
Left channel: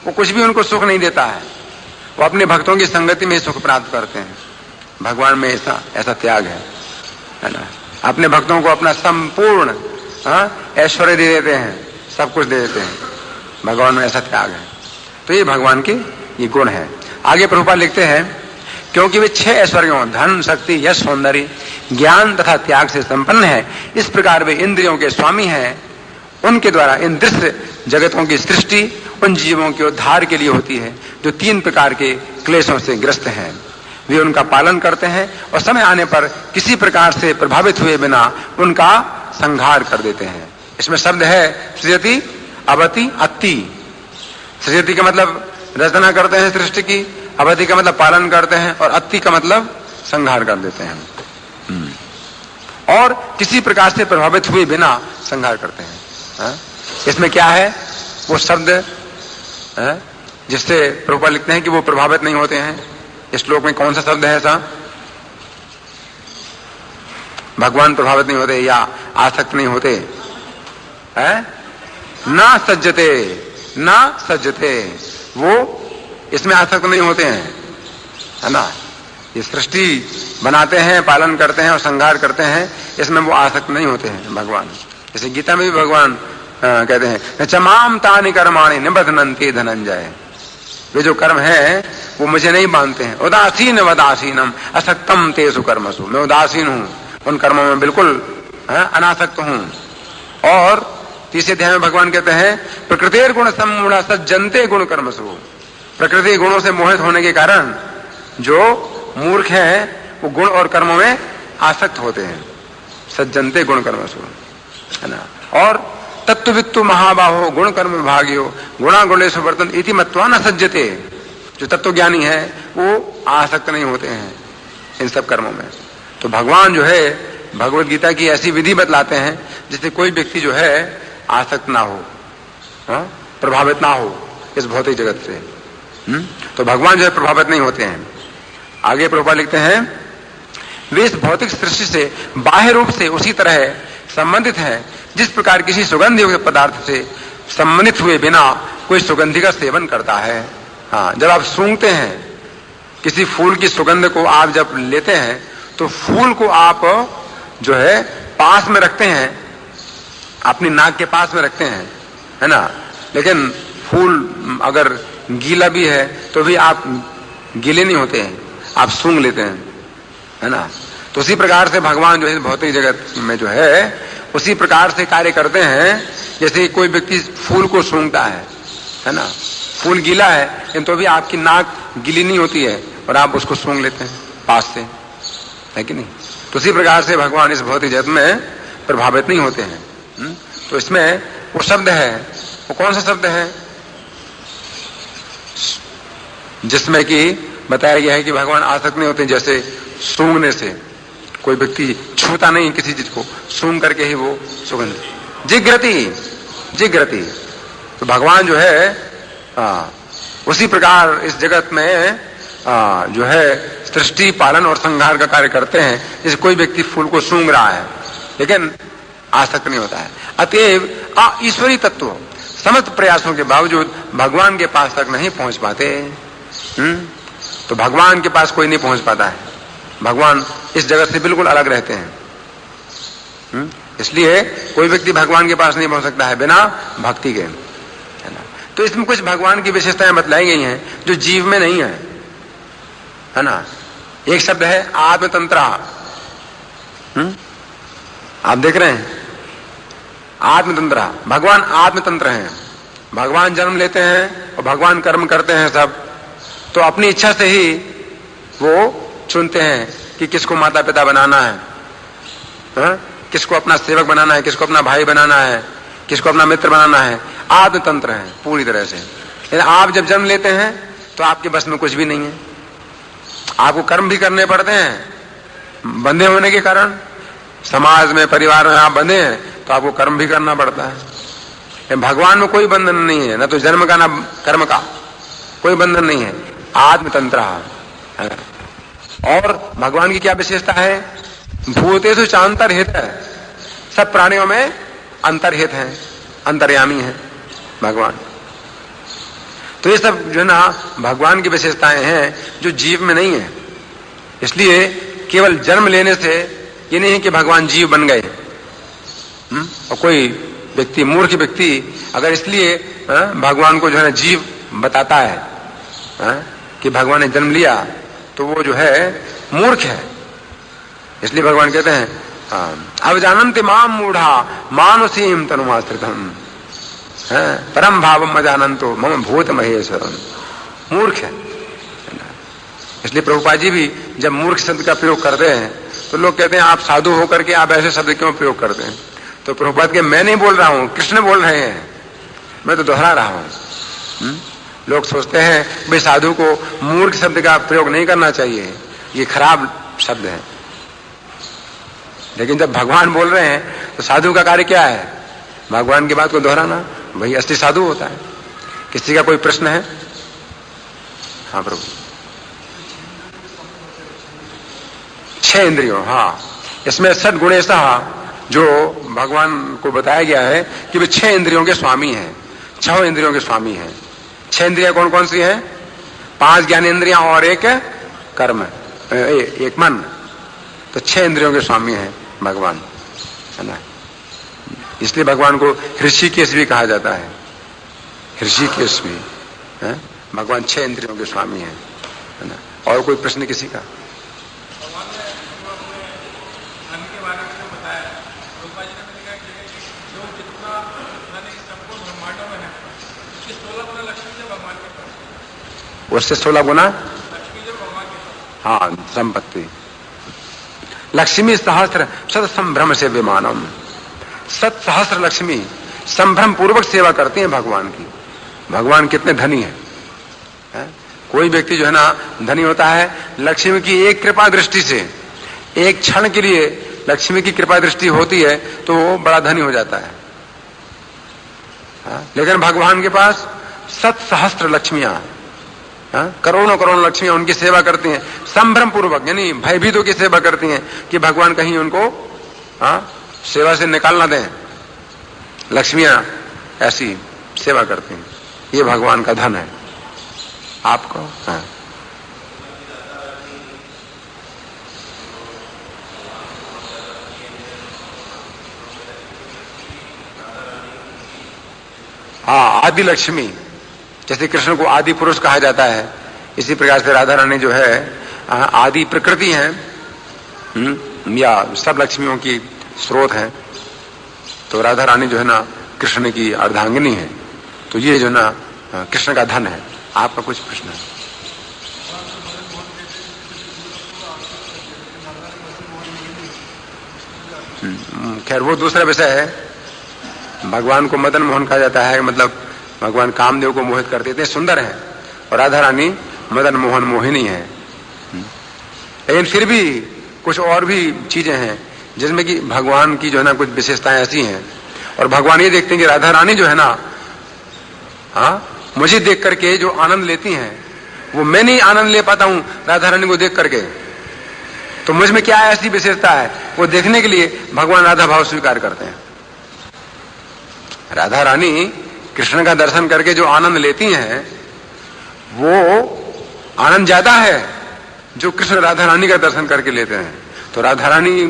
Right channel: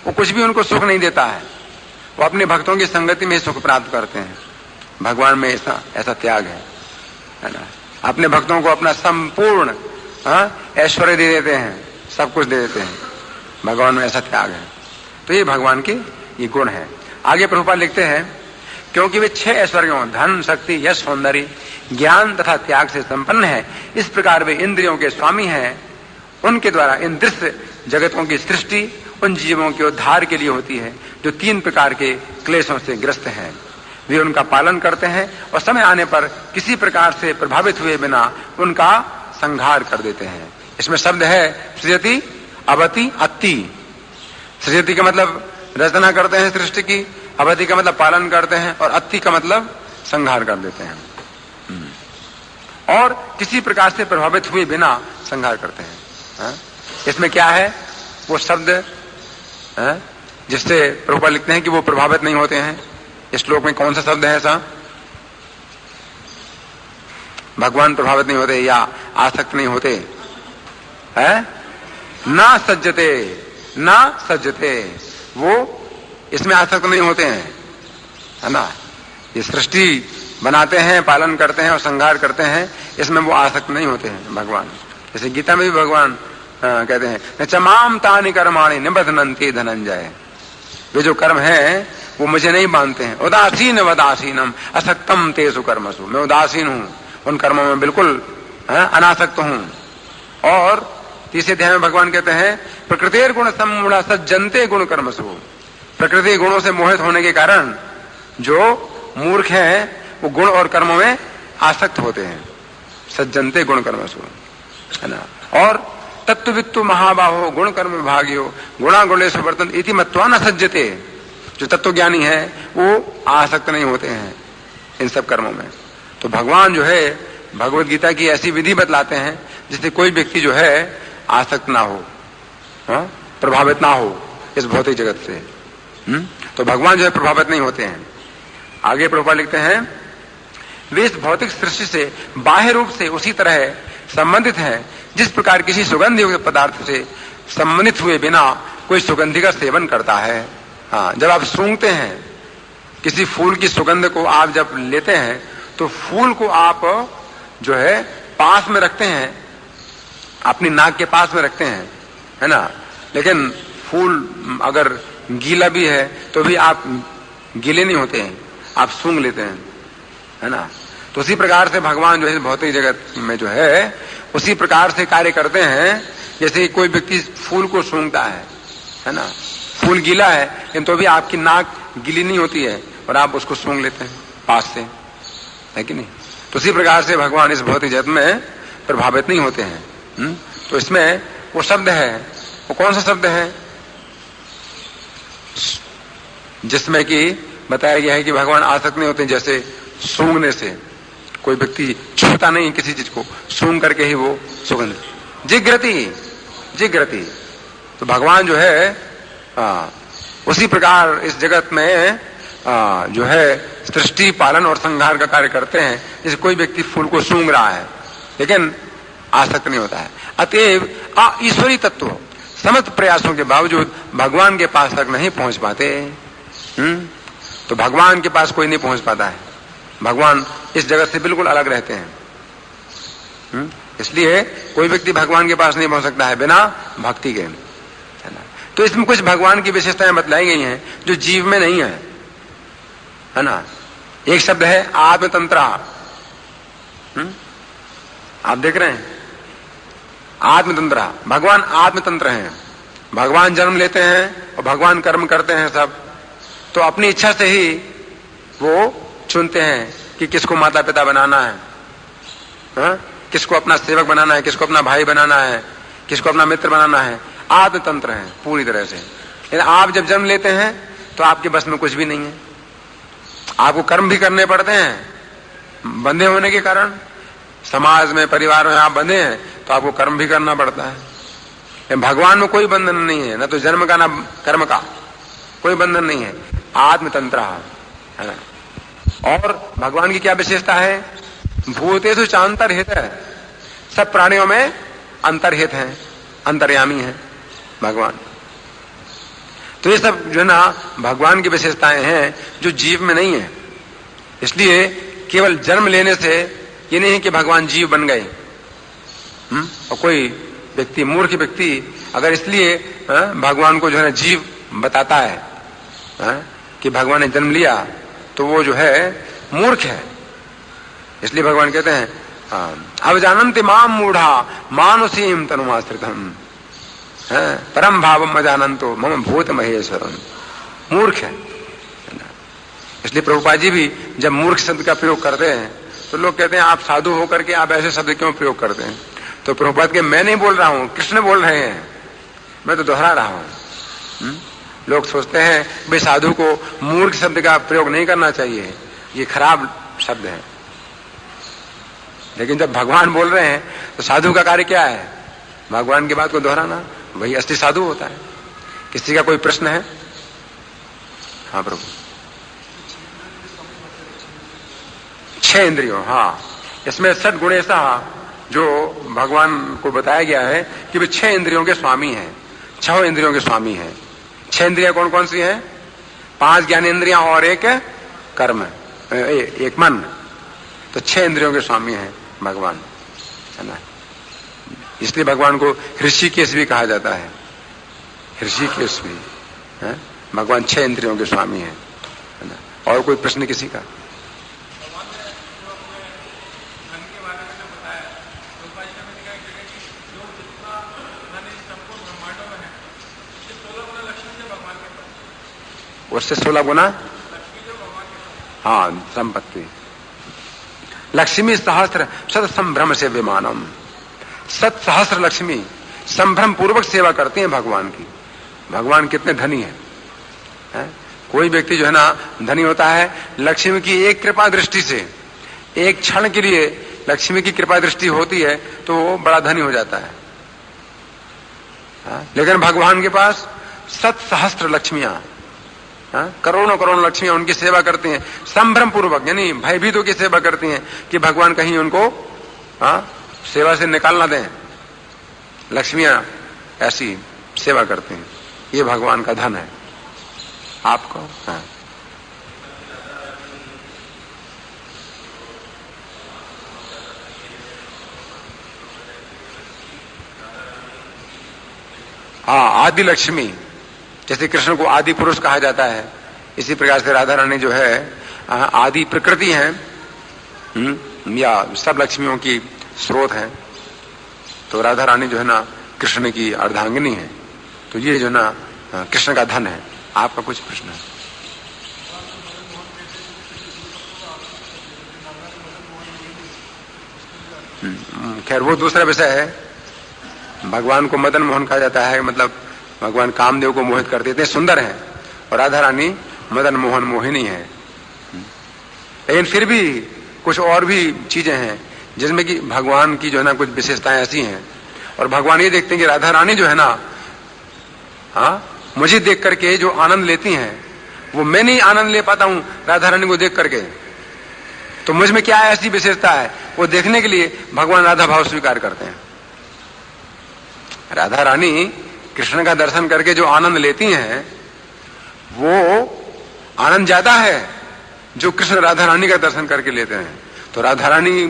वो कुछ भी उनको सुख नहीं देता है, वो अपने भक्तों की संगति में सुख प्राप्त करते हैं। भगवान में ऐसा त्याग है ना। अपने भक्तों को अपना संपूर्ण ऐश्वर्य दे देते हैं, सब कुछ दे देते हैं, भगवान में ऐसा त्याग है। तो ये भगवान के ये गुण है। आगे प्रभुपाद लिखते हैं, क्योंकि वे 6 ऐश्वर्यों धन, शक्ति, यश, सौंदर्य, ज्ञान तथा त्याग से संपन्न है, इस प्रकार वे इंद्रियों के स्वामी हैं। उनके द्वारा इन दृश्य जगतों की सृष्टि उन जीवों के उद्धार के लिए होती है जो 3 प्रकार के क्लेशों से ग्रस्त हैं। वे उनका पालन करते हैं और समय आने पर किसी प्रकार से प्रभावित हुए बिना उनका संहार कर देते हैं। इसमें शब्द है सृजति, अवति, अत्ति। सृजति का मतलब रचना करते हैं सृष्टि की, अवति का मतलब पालन करते हैं, और अत्ति का मतलब संहार कर देते हैं। और किसी प्रकार से प्रभावित हुए बिना संहार करते हैं। इसमें क्या है? वो शब्द जिससे प्रभुपाद लिखते हैं कि वो प्रभावित नहीं होते हैं। इस श्लोक में कौन सा शब्द है ऐसा? भगवान प्रभावित नहीं होते या आसक्त नहीं होते, है ना सज्जते, ना सज्जते, वो इसमें आसक्त नहीं होते हैं, है ना। ये सृष्टि बनाते हैं, पालन करते हैं और संहार करते हैं, इसमें वो आसक्त नहीं होते हैं भगवान। जैसे गीता में भी भगवान कहते हैं, चमाम तानि कर्माणि निबध्नन्ति धनंजय। वे जो कर्म है वो मुझे नहीं मानते हैं। उदासीन वदासीनम असक्तम तेषु कर्मसु। मैं उदासीन हूँ, उन कर्मों में बिल्कुल अनासक्त हूँ। और तीसरे अध्याय में भगवान कहते हैं, प्रकृतिर गुण सम्मूढ़ा सज्जनते गुण कर्मसु। प्रकृति गुणों से मोहित होने के कारण जो मूर्ख हैं वो गुण और कर्मों में आसक्त होते हैं। सज्जनते गुण कर्मसु, है ना। और तत्ववित्तु महाबाहो गुण कर्म विभागियो गुणा गुणेषु वर्तन इति मत्वा न सज्जते। जो तत्वज्ञानी है वो आसक्त नहीं होते हैं इन सब कर्मों में। तो भगवान जो है भगवत गीता की ऐसी विधि बतलाते हैं जिससे कोई व्यक्ति जो है आसक्त ना हो, प्रभावित ना हो इस भौतिक जगत से। तो भगवान जो है प्रभावित नहीं होते हैं। आगे प्रभुपाद लिखते हैं, वे इस भौतिक सृष्टि से बाह्य रूप से उसी तरह संबंधित है, जिस प्रकार किसी सुगंध युक्त पदार्थ से संबंधित हुए बिना कोई सुगंधि का सेवन करता है। हाँ, जब आप सूंघते हैं किसी फूल की सुगंध को, आप जब लेते हैं तो फूल को आप जो है पास में रखते हैं, अपनी नाक के पास में रखते हैं, है ना। लेकिन फूल अगर गीला भी है तो भी आप गीले नहीं होते हैं, आप सूंघ लेते हैं, है ना। तो उसी प्रकार से भगवान जो है भौतिक जगत में जो है उसी प्रकार से कार्य करते हैं, जैसे कोई व्यक्ति फूल को सूंघता है ना। फूल गीला है लेकिन तो भी आपकी नाक गीली नहीं होती है और आप उसको सूंघ लेते हैं पास से, है कि नहीं। तो उसी प्रकार से भगवान इस भौतिक जगत में प्रभावित नहीं होते हैं। तो इसमें वो शब्द है, वो कौन सा शब्द है जिसमें कि बताया गया है कि भगवान आसक्त नहीं होते। जैसे सूंघने से कोई व्यक्ति छूता नहीं किसी चीज को, सूंघ करके ही वो सुगंध, जिग्रति। तो भगवान जो है उसी प्रकार इस जगत में जो है सृष्टि पालन और संहार का कार्य करते हैं। जैसे कोई व्यक्ति फूल को सूंघ रहा है लेकिन आसक्त नहीं होता है। अतएव ईश्वरी तत्व समस्त प्रयासों के बावजूद भगवान के पास तक नहीं पहुंच पाते। तो भगवान के पास कोई नहीं पहुंच पाता है, भगवान इस जगत से बिल्कुल अलग रहते हैं। इसलिए कोई व्यक्ति भगवान के पास नहीं पहुंच सकता है बिना भक्ति के। तो इसमें कुछ भगवान की विशेषताएं बतलाई गई हैं जो जीव में नहीं है ना। एक शब्द है आत्मतंत्रा। आप देख रहे हैं आत्मतंत्रा, भगवान आत्मतंत्र हैं। भगवान जन्म लेते हैं और भगवान कर्म करते हैं सब, तो अपनी इच्छा से ही वो चुनते हैं कि किसको माता पिता बनाना है, किसको अपना सेवक बनाना है, किसको अपना भाई बनाना है, किसको अपना मित्र बनाना है। आत्मतंत्र है पूरी तरह से। लेकिन आप जब जन्म लेते हैं तो आपके बस में कुछ भी नहीं है, आपको कर्म भी करने पड़ते हैं। बंधे होने के कारण समाज में, परिवार में आप बंधे हैं तो आपको कर्म भी करना पड़ता है। भगवान में कोई बंधन नहीं है, न तो जन्म का न कर्म का, कोई बंधन नहीं है। आत्मतंत्र है। और भगवान की क्या विशेषता है? भूतेषु चांतरहित है, सब प्राणियों में अंतर्हित है, अंतर्यामी है भगवान। तो ये सब जो है ना भगवान की विशेषताएं हैं जो जीव में नहीं है। इसलिए केवल जन्म लेने से ये नहीं है कि भगवान जीव बन गए। और कोई व्यक्ति, मूर्ख व्यक्ति अगर इसलिए भगवान को जो है जीव बताता है कि भगवान ने जन्म लिया, तो वो जो है मूर्ख है। इसलिए भगवान कहते हैं अब जानन्ति माम मूढ़ा मानुषीम तनुमाश्रितम् परम भावम अजानन्तो मम भूत महेश्वरम। मूर्ख है। इसलिए प्रभुपाद जी भी जब मूर्ख शब्द का प्रयोग करते हैं तो लोग कहते हैं आप साधु होकर के आप ऐसे शब्द क्यों प्रयोग करते हैं? तो प्रभुपाद के मैं नहीं बोल रहा हूं, कृष्ण बोल रहे हैं, मैं तो दोहरा रहा हूं। लोग सोचते हैं भाई साधु को मूर्ख शब्द का प्रयोग नहीं करना चाहिए, ये खराब शब्द है। लेकिन जब भगवान बोल रहे हैं तो साधु का कार्य क्या है? भगवान की बात को दोहराना, वही असली साधु होता है। किसी का कोई प्रश्न है? हाँ प्रभु। 6 इंद्रियों, हाँ, इसमें षट गुणेशा जो भगवान को बताया गया है कि वे 6 इंद्रियों के स्वामी हैं, 6 इंद्रियों के स्वामी हैं। 6 इंद्रियां कौन कौन सी हैं? 5 ज्ञानेंद्रियां और एक कर्म, एक मन। तो 6 इंद्रियों के स्वामी हैं भगवान, है ना। इसलिए भगवान को ऋषिकेश भी कहा जाता है। ऋषिकेश भी है, भगवान 6 इंद्रियों के स्वामी है ना। और कोई प्रश्न किसी का? उससे 16 गुना, हाँ, संपत्ति। लक्ष्मी सहस्त्र सत संभ्रम से विमानम। 7 सहस्त्र लक्ष्मी संभ्रम पूर्वक सेवा करते हैं भगवान की। भगवान कितने धनी है? कोई व्यक्ति जो है ना धनी होता है, लक्ष्मी की एक कृपा दृष्टि से, एक क्षण के लिए लक्ष्मी की कृपा दृष्टि होती है तो वो बड़ा धनी हो जाता है। लेकिन भगवान के पास 7 सहस्त्र लक्ष्मियां, करोड़ों करोड़ों लक्ष्मियां उनकी सेवा करती हैं संभ्रम पूर्वक, यानी भयभीतों की सेवा करती हैं कि भगवान कहीं उनको सेवा से निकाल ना दें। लक्ष्मियां ऐसी सेवा करती हैं, ये भगवान का धन है आपको। हाँ, आदि लक्ष्मी, जैसे कृष्ण को आदि पुरुष कहा जाता है, इसी प्रकार से राधा रानी जो है आदि प्रकृति है, या सब लक्ष्मियों की स्रोत है। तो राधा रानी जो है ना कृष्ण की अर्धांगिनी है। तो ये जो ना कृष्ण का धन है। आपका कुछ प्रश्न है? खैर वो दूसरा विषय है। भगवान को मदन मोहन कहा जाता है, मतलब भगवान कामदेव को मोहित कर देते हैं, सुंदर है। और राधा रानी मदन मोहन मोहिनी है। लेकिन फिर भी कुछ और भी चीजें हैं जिसमें कि भगवान की जो है ना कुछ विशेषताएं ऐसी हैं। और भगवान ये देखते हैं कि राधा रानी जो है ना, मुझे देख करके जो आनंद लेती हैं वो मैं नहीं आनंद ले पाता हूं राधा रानी को देख करके। तो मुझ में क्या ऐसी विशेषता है, वो देखने के लिए भगवान राधा भाव स्वीकार करते हैं। राधा रानी कृष्ण का दर्शन करके जो आनंद लेती हैं वो आनंद ज्यादा है जो कृष्ण राधा रानी का दर्शन करके लेते हैं। तो राधा रानी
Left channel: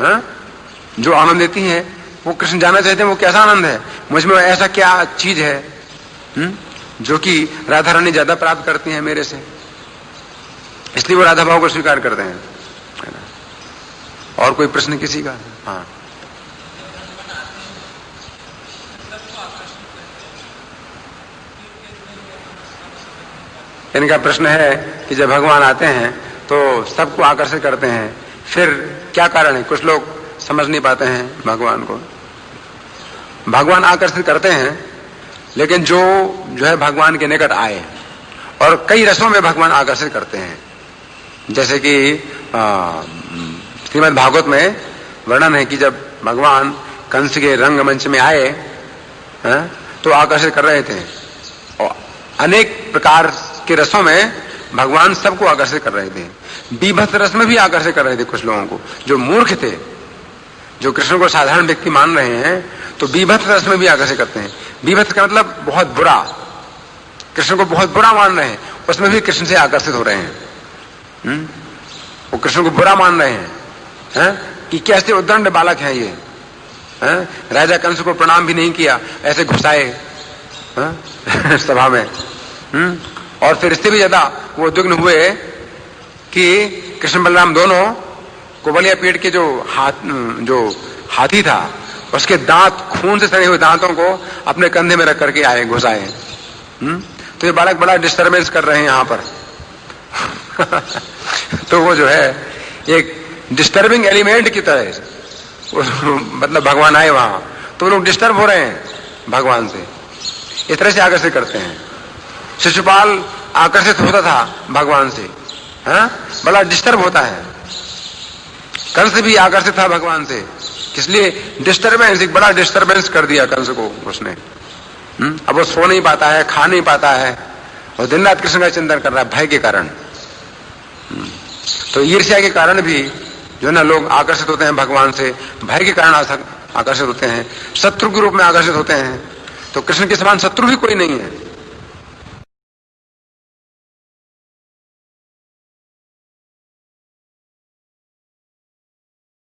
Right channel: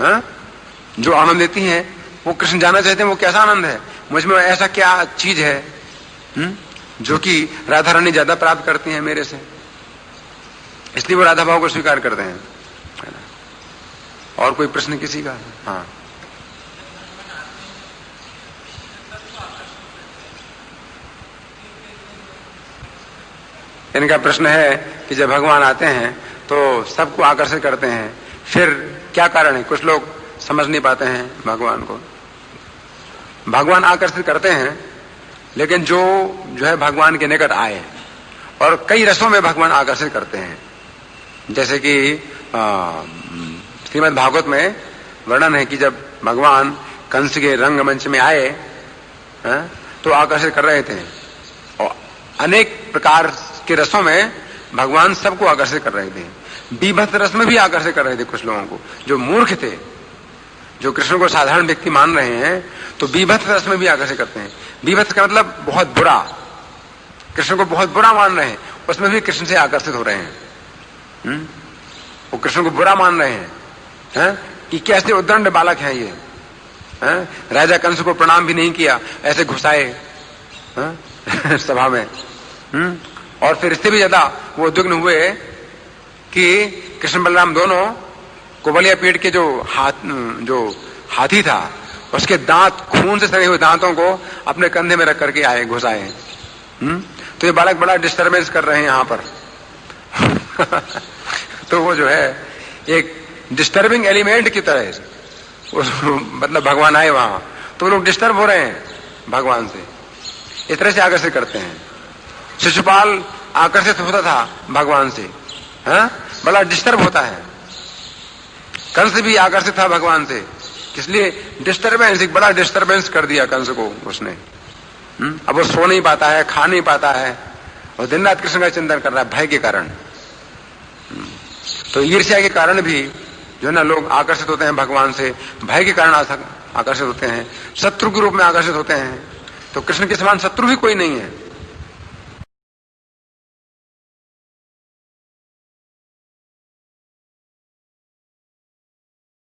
जो आनंद लेती हैं वो कृष्ण जानना चाहते हैं वो कैसा आनंद है, मुझ में ऐसा क्या चीज है जो कि राधा रानी ज्यादा प्राप्त करती हैं मेरे से, इसलिए वो राधा भाव को स्वीकार करते हैं। और कोई प्रश्न किसी का? हाँ, इनका प्रश्न है कि जब भगवान आते हैं तो सबको आकर्षित करते हैं, फिर क्या कारण है? कुछ लोग समझ नहीं पाते हैं भगवान को। भगवान आकर्षित करते हैं, लेकिन जो है भगवान के निकट आए, और कई रसों में भगवान आकर्षित करते हैं। जैसे कि श्रीमद् भागवत में वर्णन है कि जब भगवान कंस के रंगमंच में आए तो आकर्षित कर रहे थे, और अनेक प्रकार के रसों में भगवान सबको आकर्षित कर रहे थे। बीभत्स रस में भी आकर्षित कर रहे थे कुछ लोगों को, जो मूर्ख थे, जो कृष्ण को साधारण व्यक्ति मान रहे हैं, तो बीभत्स रस में भी आकर्षित करते हैं। बीभत्स का मतलब बहुत बुरा, कृष्ण को बहुत बुरा मान रहे हैं, उसमें भी कृष्ण से आकर्षित हो रहे हैं। वो कृष्ण को बुरा मान रहे हैं कि कैसे उद्दंड बालक है ये, राजा कंस को प्रणाम भी नहीं किया, ऐसे घुसाए सभा में। और फिर इससे भी ज्यादा वो उद्विग्न हुए कि कृष्ण बलराम दोनों कुबलिया पेट के जो हाथी था उसके दांत, खून से सने हुए दांतों को अपने कंधे में रख करके आए, घुसाए। तो ये बालक बड़ा डिस्टर्बेंस कर रहे हैं यहाँ पर। तो वो जो है एक डिस्टर्बिंग एलिमेंट की तरह मतलब भगवान आए वहां, तो लोग डिस्टर्ब हो रहे हैं भगवान से, इस तरह से आकर्षित करते हैं। शिशुपाल आकर्षित होता था भगवान से, बड़ा डिस्टर्ब होता है। कंस भी आकर्षित था भगवान से, इसलिए डिस्टर्बेंस, एक बड़ा डिस्टर्बेंस कर दिया कंस को उसने। अब वो सो नहीं पाता है, खा नहीं पाता है, और दिन रात कृष्ण का चिंतन कर रहा है भय के कारण। तो ईर्ष्या के कारण भी जो ना लोग आकर्षित होते हैं भगवान से, भय के कारण आकर्षित होते हैं, शत्रु के रूप में आकर्षित होते हैं। तो कृष्ण के समान शत्रु भी कोई नहीं है।